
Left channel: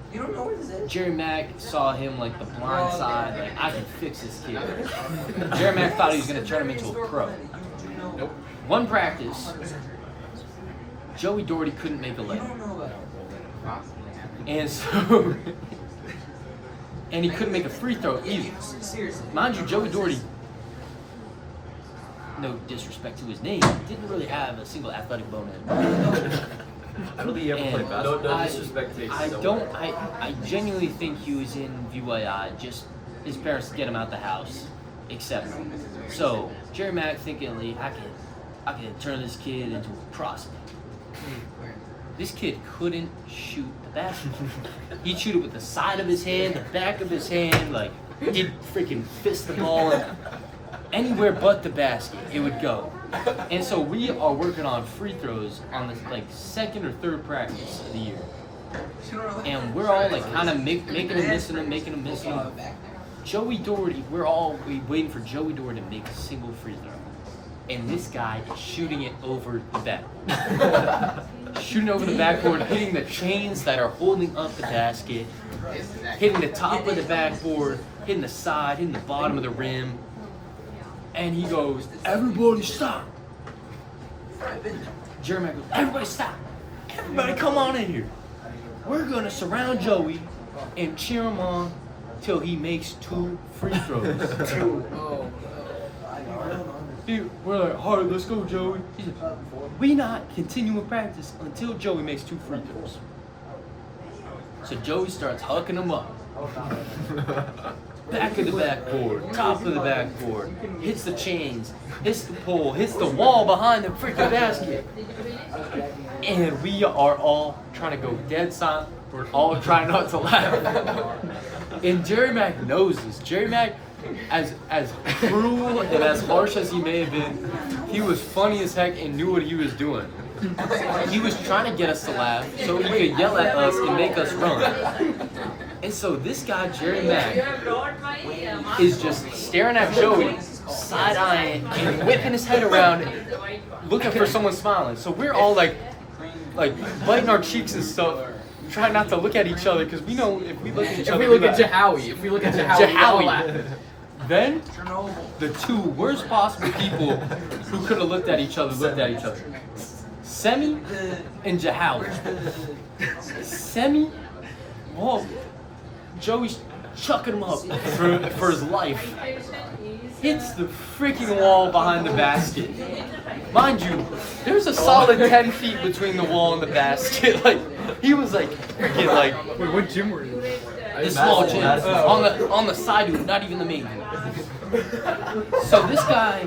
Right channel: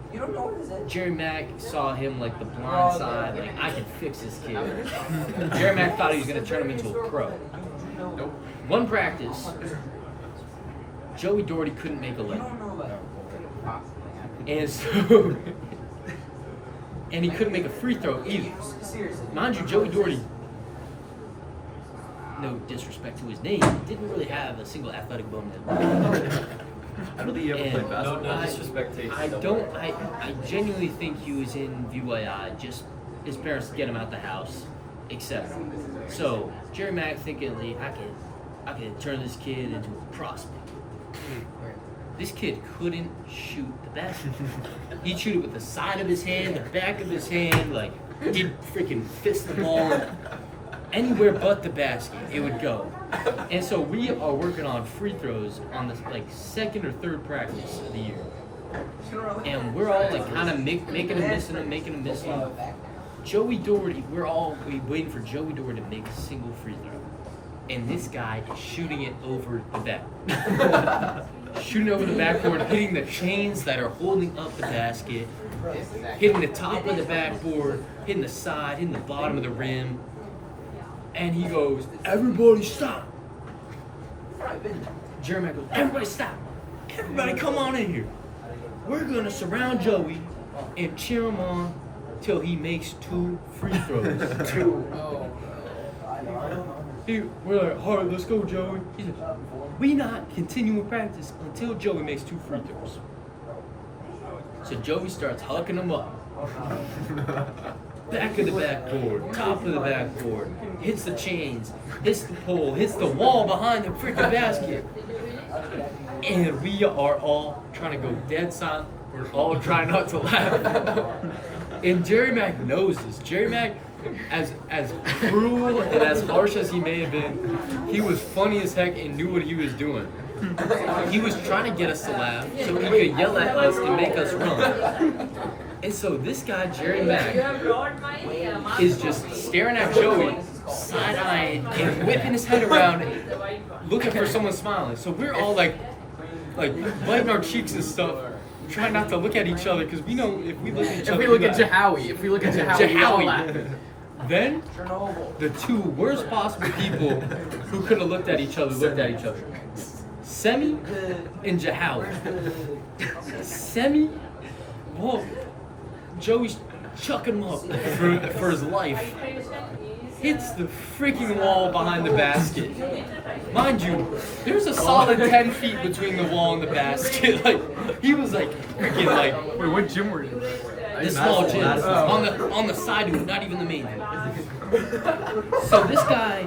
Jerry Mack saw him like the blind side, like I can fix this kid. Jerry Mack thought he was gonna turn him into a pro. Nope. One practice, Joey Doherty couldn't make a layup. And so and he couldn't make a free throw either. Mind you, Joey Doherty, no disrespect to his name, didn't really have a single athletic bone in him. I don't think he ever played And basketball. No disrespect takes. I genuinely think he was in VYI, just his parents to get him out the house, etc. So Jerry Mack thinking, like, I can turn this kid into a prospect. This kid couldn't shoot the basketball. He'd shoot it with the side of his hand, the back of his hand, like he'd freaking fist the ball and anywhere but the basket it would go. And so we are working on free throws on this like second or third practice of the year. And we're all like kind of making him miss him. Joey Doherty, we're all waiting for Joey Doherty to make a single free throw. And this guy is shooting it over the back. Shooting over the backboard, hitting the chains that are holding up the basket, hitting the top of the backboard, hitting the side, hitting the bottom of the rim. And he goes, everybody stop. Jeremy goes, everybody stop. Everybody come on in here. We're going to surround Joey and cheer him on till he makes 2 free throws. We're like, all right, let's go, Joey. He said, we not continuing practice until Joey makes 2 free throws. So Joey starts hucking them up. Back of the backboard, top of the backboard, hits the chains, hits the pole, hits the wall behind the freaking basket. And we are all trying to go dead silent. We're all trying not to laugh. And Jerry Mack knows this. Jerry Mack, as cruel and as harsh as he may have been, he was funny as heck and knew what he was doing. He was trying to get us to laugh so he could yell at us and make us run. And so this guy, Jerry Mack, is just staring at Joey, side-eyeing and whipping his head around, looking for someone smiling. So we're all like biting our cheeks and stuff, trying not to look at each other because we know if we look at each other. If we look at Jahowie, we all laugh. Then the 2 worst possible people who could have looked at each other looked at each other. Semi and Jahowie. Semi, well, Joey's chucking him up for his life. Hits the freaking wall behind the basket. Mind you, there's a solid 10 feet between the wall and the basket. Like, he was like, Wait, what gym were you in? the small gym on the side of it, not even the main one. So this guy,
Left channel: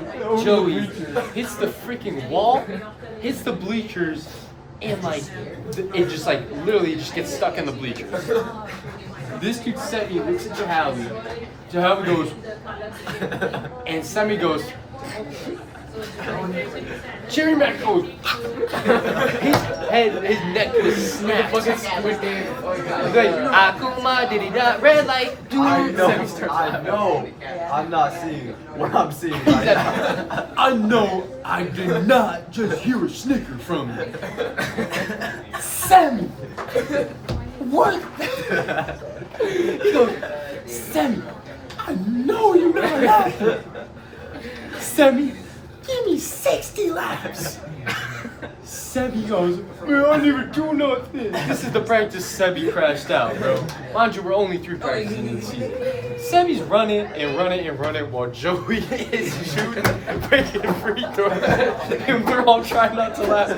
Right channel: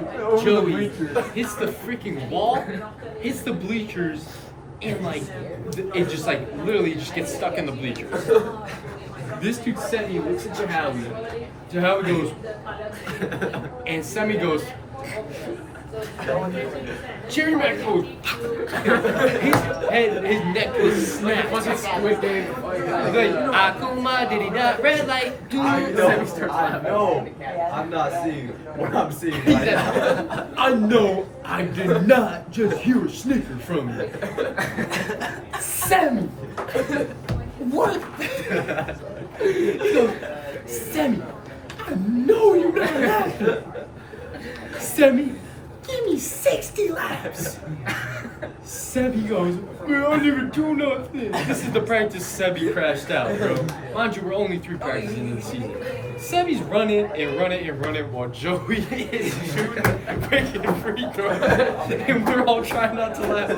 Joey, hits the freaking wall, hits the bleachers, and like, it just like literally just gets stuck in the bleachers. This dude Semi looks at Jahowie. Jahowie goes, and Semi goes, Jerry Mack goes, his neck is snapped. Fucking Squid Game. Akuma, did he die? Red light, dude. I know. I'm not seeing what I'm seeing right now. I know I did not just hear a snicker from you. Sammy! What? He goes, Sammy, I know you're not laughing. Sammy, give me 60 laps. Sammy goes, man, I never do nothing. This is the practice Sammy crashed out, bro. Mind you, we're only 3 practices into the season. Sammy's running while Joey is shooting freaking free throws. And we're all trying not to laugh.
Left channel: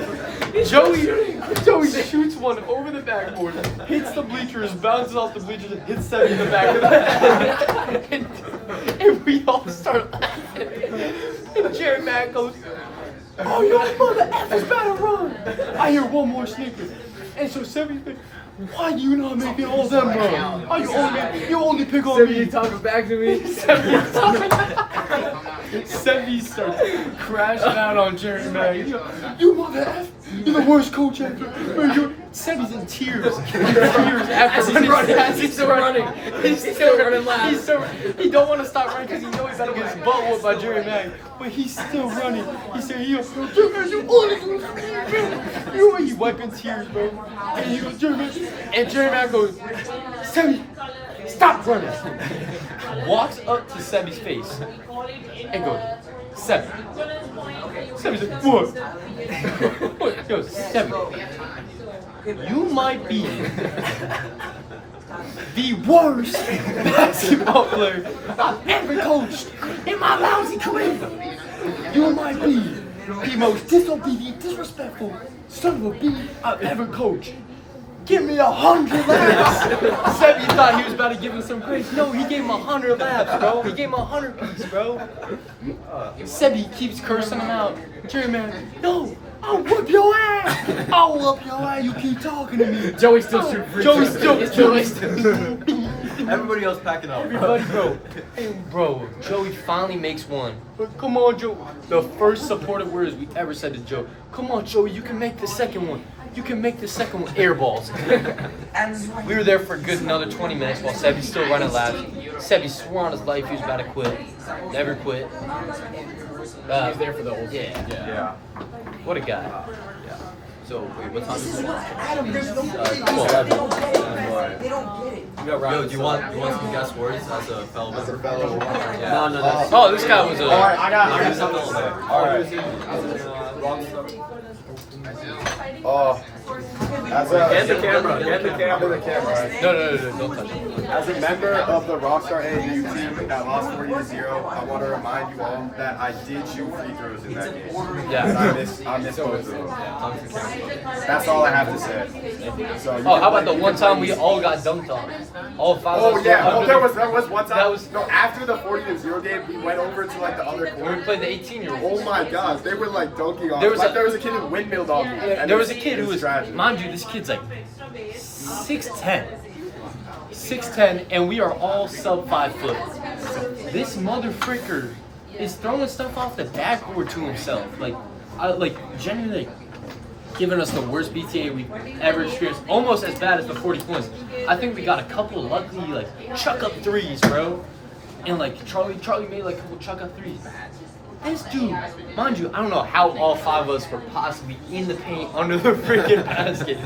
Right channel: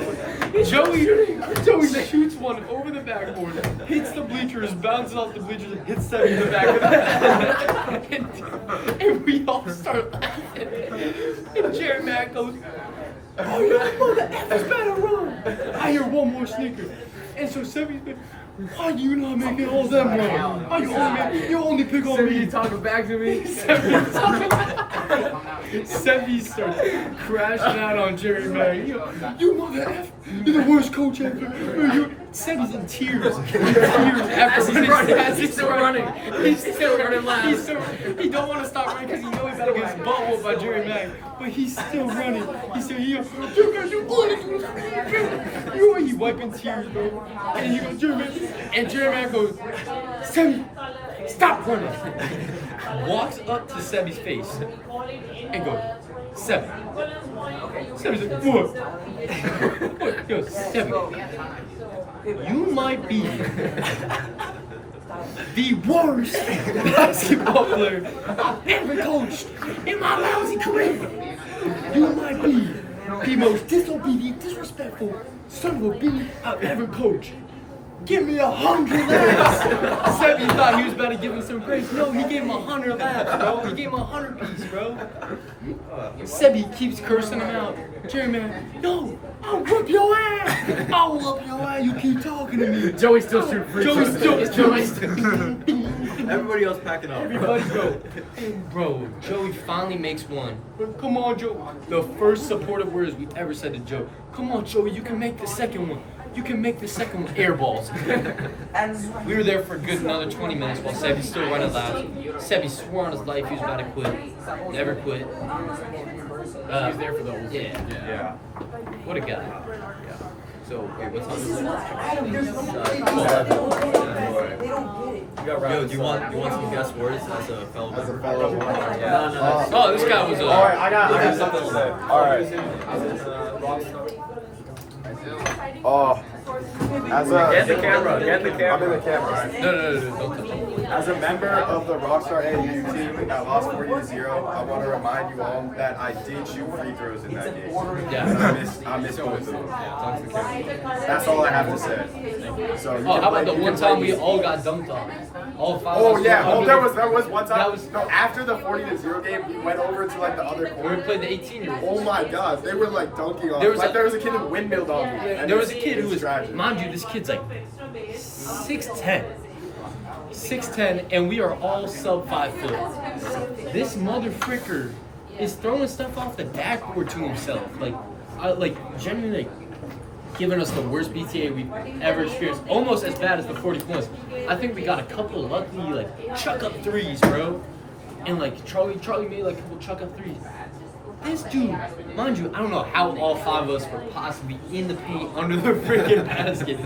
Joey shoots one over the backboard, hits the bleachers, bounces off the bleachers, and hits Sammy in the back of the head. And we all start laughing. And Jared Mack goes, oh, you mother better run. I hear one more snicker. And so Sammy's like, why do you not make me all them run? Why you only pick on me? You talking back to me? Sammy starts crashing out on Jerry Mack. You mother F, you're the worst coach ever. Sammy's in tears. As he's running, he's still running. He's still running loud. He don't want to stop running because he knows he's going to get his butt whooped by Jerry Mack. But he's still running. He's still, he's wiping tears, bro. And he goes, Jerry Mack. And Jerry Mack goes, Sammy, stop running. Walks up to Sammy's face and goes, Sammy. Sammy's like, what? What? Yo, Sammy. You might be the worst basketball player I've ever coached in my lousy career. You might be the most disobedient, disrespectful son of a bee I've ever coached. Give me 100 laps. Sammy thought he was about to give him some praise. No, he gave him 100 laps, bro. He gave him 100 piece, bro. Sebby keeps cursing him out. Jerry man, no, I'll whoop your ass. I'll whoop your ass. You keep talking to me. Joey's still shooting free throws. Joey's still. Everybody else packing up. Everybody go. Bro, Joey finally makes one. But come on, Joe. The first supportive words we ever said to Joe. Come on, Joey, you can make the second one. you can make the second one air balls. We were there for a good another 20 minutes while Sebi's still running laps. Sebi swore on his life he was about to quit. Never quit. He was there for the whole thing. Yeah. What a guy. So wait, what time is it? 11. You got Yo, do you want some guest words as a fellow member? No, that's. Oh, this guy was a. Alright, I got Oh. Get the camera. Get the camera. Right? No, don't touch it. As a member of the Rockstar AAU team that lost 40-0, I want to remind you all that I did shoot free throws in that game. Yeah. And I missed both of them. That's all I have to say. So you Oh, can how play- about the you one can play time we these- all got dunked on? All five Oh of us yeah, were oh under that was one time. That was- No, after the 40-0 game, we went over to like the other We corner. were playing the 18-year-olds. Oh my gosh, they were like dunking on. There was Like a- there was a kid who windmilled on me. And There was a kid it who was, tragic. mind you, this kid's like 6'10". 6'10", and we are all sub 5 foot. This mother freaker is throwing stuff off the backboard to himself. Like genuinely giving us the worst BTA we've ever experienced. Almost as bad as the 40 points. I think we got a couple of lucky like chuck up threes, bro. And like Charlie made like a couple chuck up threes. This dude, mind you, I don't know how all five of us were possibly in the paint under the freaking basket.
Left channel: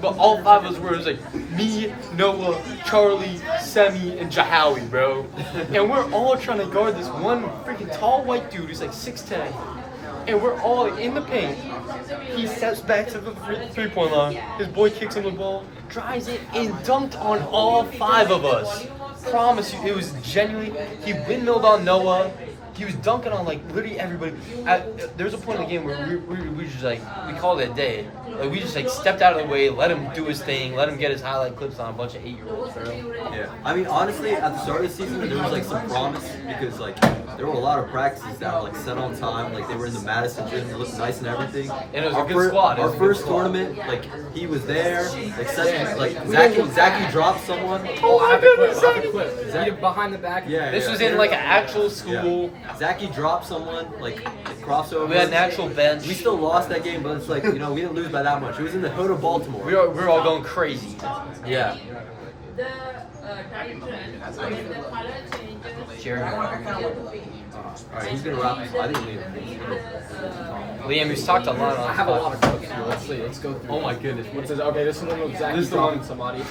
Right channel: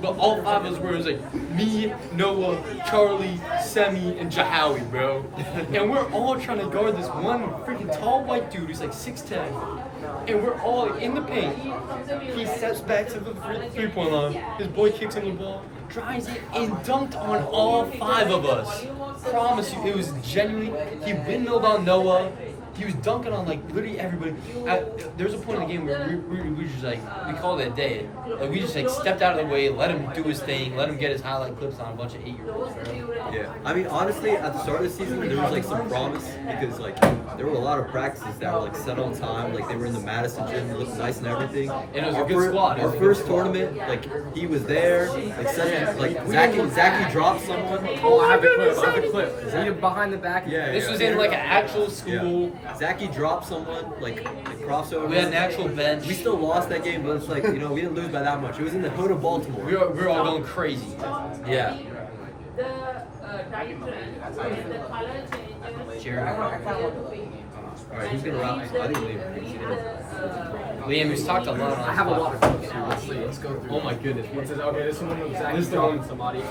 But all five of us were, it was like me, Noah, Charlie, Semi, and Jahawi, bro. And we're all trying to guard this one freaking tall white dude who's like 6'10". And we're all in the paint. He steps back to the three-point line. His boy kicks him the ball, drives it, and dunked on all five of us. Promise you, it was genuinely, he windmilled on Noah. He was dunking on like literally everybody. There was a point in the game where we just like, we called it a day. And we just like stepped out of the way, let him do his thing, let him get his highlight clips on a bunch of 8-year-olds, bro. Yeah, I mean honestly, at the start of the season, there was like some promise because like there were a lot of practices that were like set on time. Like they were in the Madison gym, they looked nice and everything. And it was a good squad. It Our was a good first squad. tournament, like he was there. Like We didn't- Zachy dropped someone. Oh, I have the clip. See it behind the back? Yeah, This yeah. was in like an actual school. Zachy dropped someone, like crossover. We had an actual bench. We still lost that game, but it's like, you know, we didn't lose by that much. It was in the hood of Baltimore. We were all going crazy. Yeah. Alright, he's gonna wrap. I think Liam, he's talked a lot. I have a lot of clips here. Let's see. Let's go through. Oh my goodness. What's this? Okay, this one was Zach This is the dropping one- somebody.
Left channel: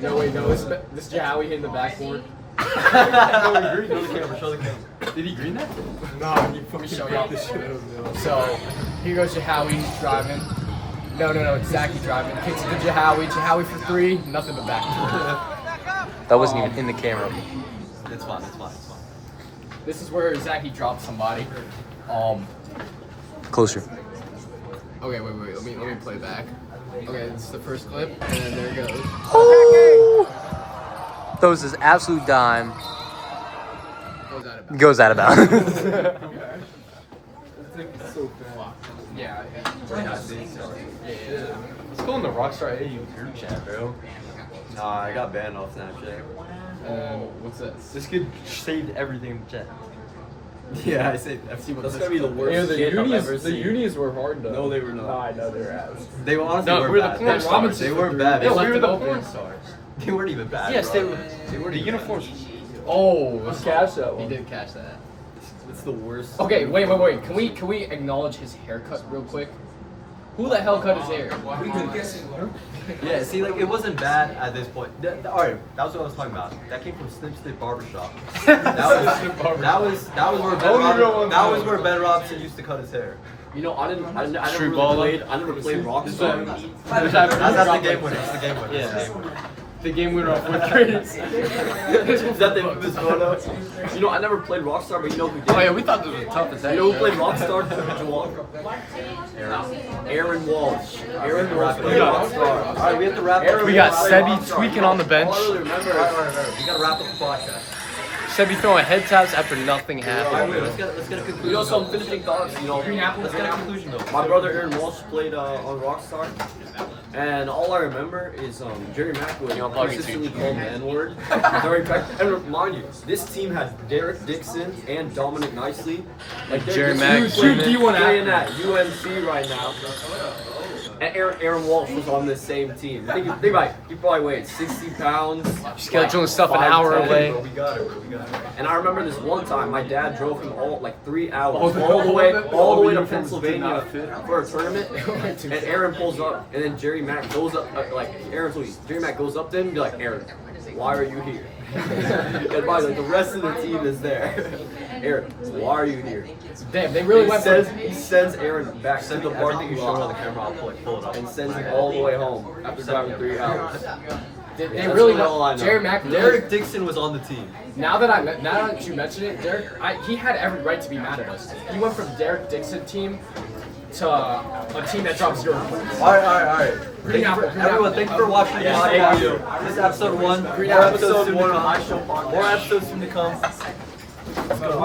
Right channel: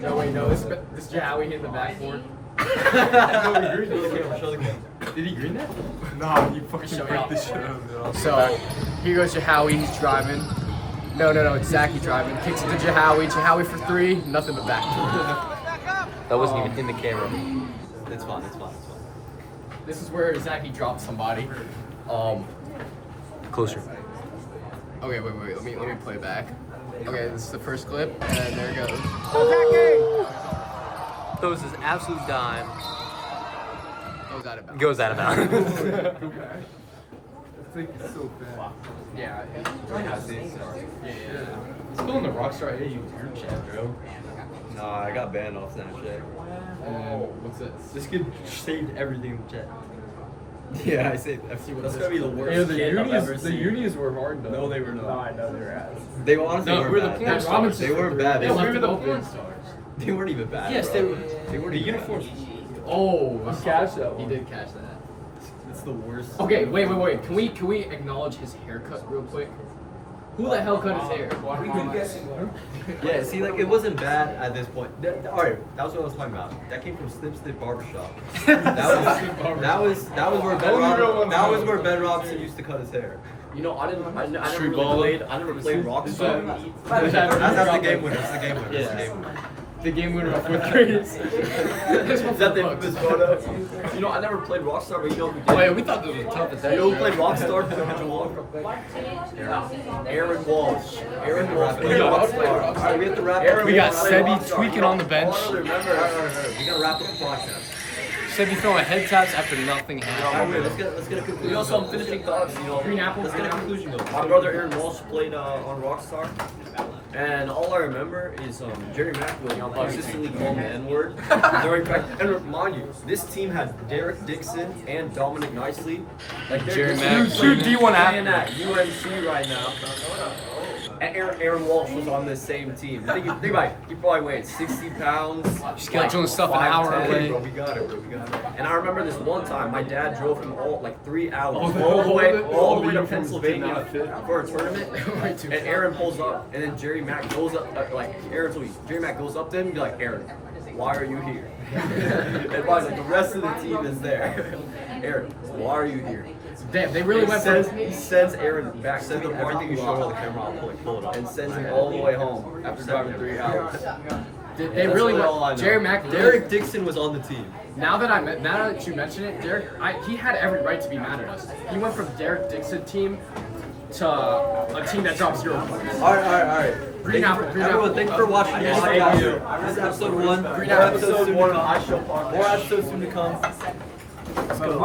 No, wait, no. This Jahowie hit the backboard. Did he green that? No, he fucking Show beat y'all. the shit out of me. So here goes Jahowie. He's driving. No, it's Zachy driving. Kicks it to Jahowie. Jahowie for three. Nothing but backboard. That wasn't even in the camera. it's fine. It's fine. This is where Zachy dropped somebody. Closer. Okay, wait. Let me play back. Okay, this is the first clip, and there it goes. Throws his absolute dime. Goes out of bounds. Goes out of bounds. It's so bad. Yeah. Still in the Rockstar AAU group chat, bro. Nah, I got banned off Snapchat. And what's this? This kid saved everything in the chat. Yeah, I say. See what That's this gonna be the clip worst is. shit I've ever The seen. unis were hard though. No, they were not. I know they were ass. They honestly No, weren't we were the bad. porn stars. They weren't bad. No, They we left were it the open. porn stars. They weren't even bad. Yes, bro. they were. They weren't The even uniforms. Oh, He cashed that he one. did catch that. It's the worst. Okay, wait. Can we acknowledge his haircut real quick? Who the hell cut his hair? Yeah, see, like, it wasn't bad at this point. Alright, that was what I was talking about. That came from Snip Snip Barbershop. That was where Ben Robinson used to cut his hair. You know, I never True really baller. played. I never played Rockstar. That's the game winner. That's the game winner. That's the game winner. The game winner of fourth graders. Is that the infamous photo? You know, I never played Rockstar, but you know who did? Oh yeah, we thought this was tough as You heck. know who played Rockstar? Aaron Walsh. Aaron Walsh played Rockstar. Alright, we have to wrap Aaron up. We got Walsh played Sebi Rockstar. tweaking You know, on the bench. all I really remember We gotta wrap up the podcast. Sebi throwing head taps after nothing happened. Alright, let's get a You know, conclusion. some finishing thoughts. You know, Green apple, Let's get a green apple. conclusion though. my brother Aaron Walsh played on Rockstar, and all I remember is Jerry Mack would consistently call the N-word during practice. And remind you, this team had Derek Dixon and Dominic Nicely. Like they're Jerry just Mack playing playing at UNC right now. And Aaron Walsh was on this same team. Think about it. He probably weighed 60 pounds. Scheduling stuff an hour 5'10". away. Bro, we got it, bro. We got it. And I remember this one time, my dad drove him like 3 hours, all the way to Pennsylvania for a tournament. And Aaron pulls up, and then Jerry Mack goes up, Jerry Mack goes up to him and be like, Aaron, why are you here? And by the way, the rest of the team is there. Aaron, why are you here? Damn, they really went for He sends Aaron back to the Everything parking you show on the lot camera, I'll pull it up. and sends him all the way home after driving 3 hours. They That's really all I went. know. Jerry Mack really. Derek Dixon was on the team. Now that you mention it, he had every right to be mad at us. He went from Derek Dixon team to a team that dropped 0 points. All right. Green apple, Everyone, thanks for watching. Yeah, Live thank audio. you. This is episode 1. Green More apple. episodes soon to Episode 1 come. of My Show Podcast. More episodes soon to come. Let's go.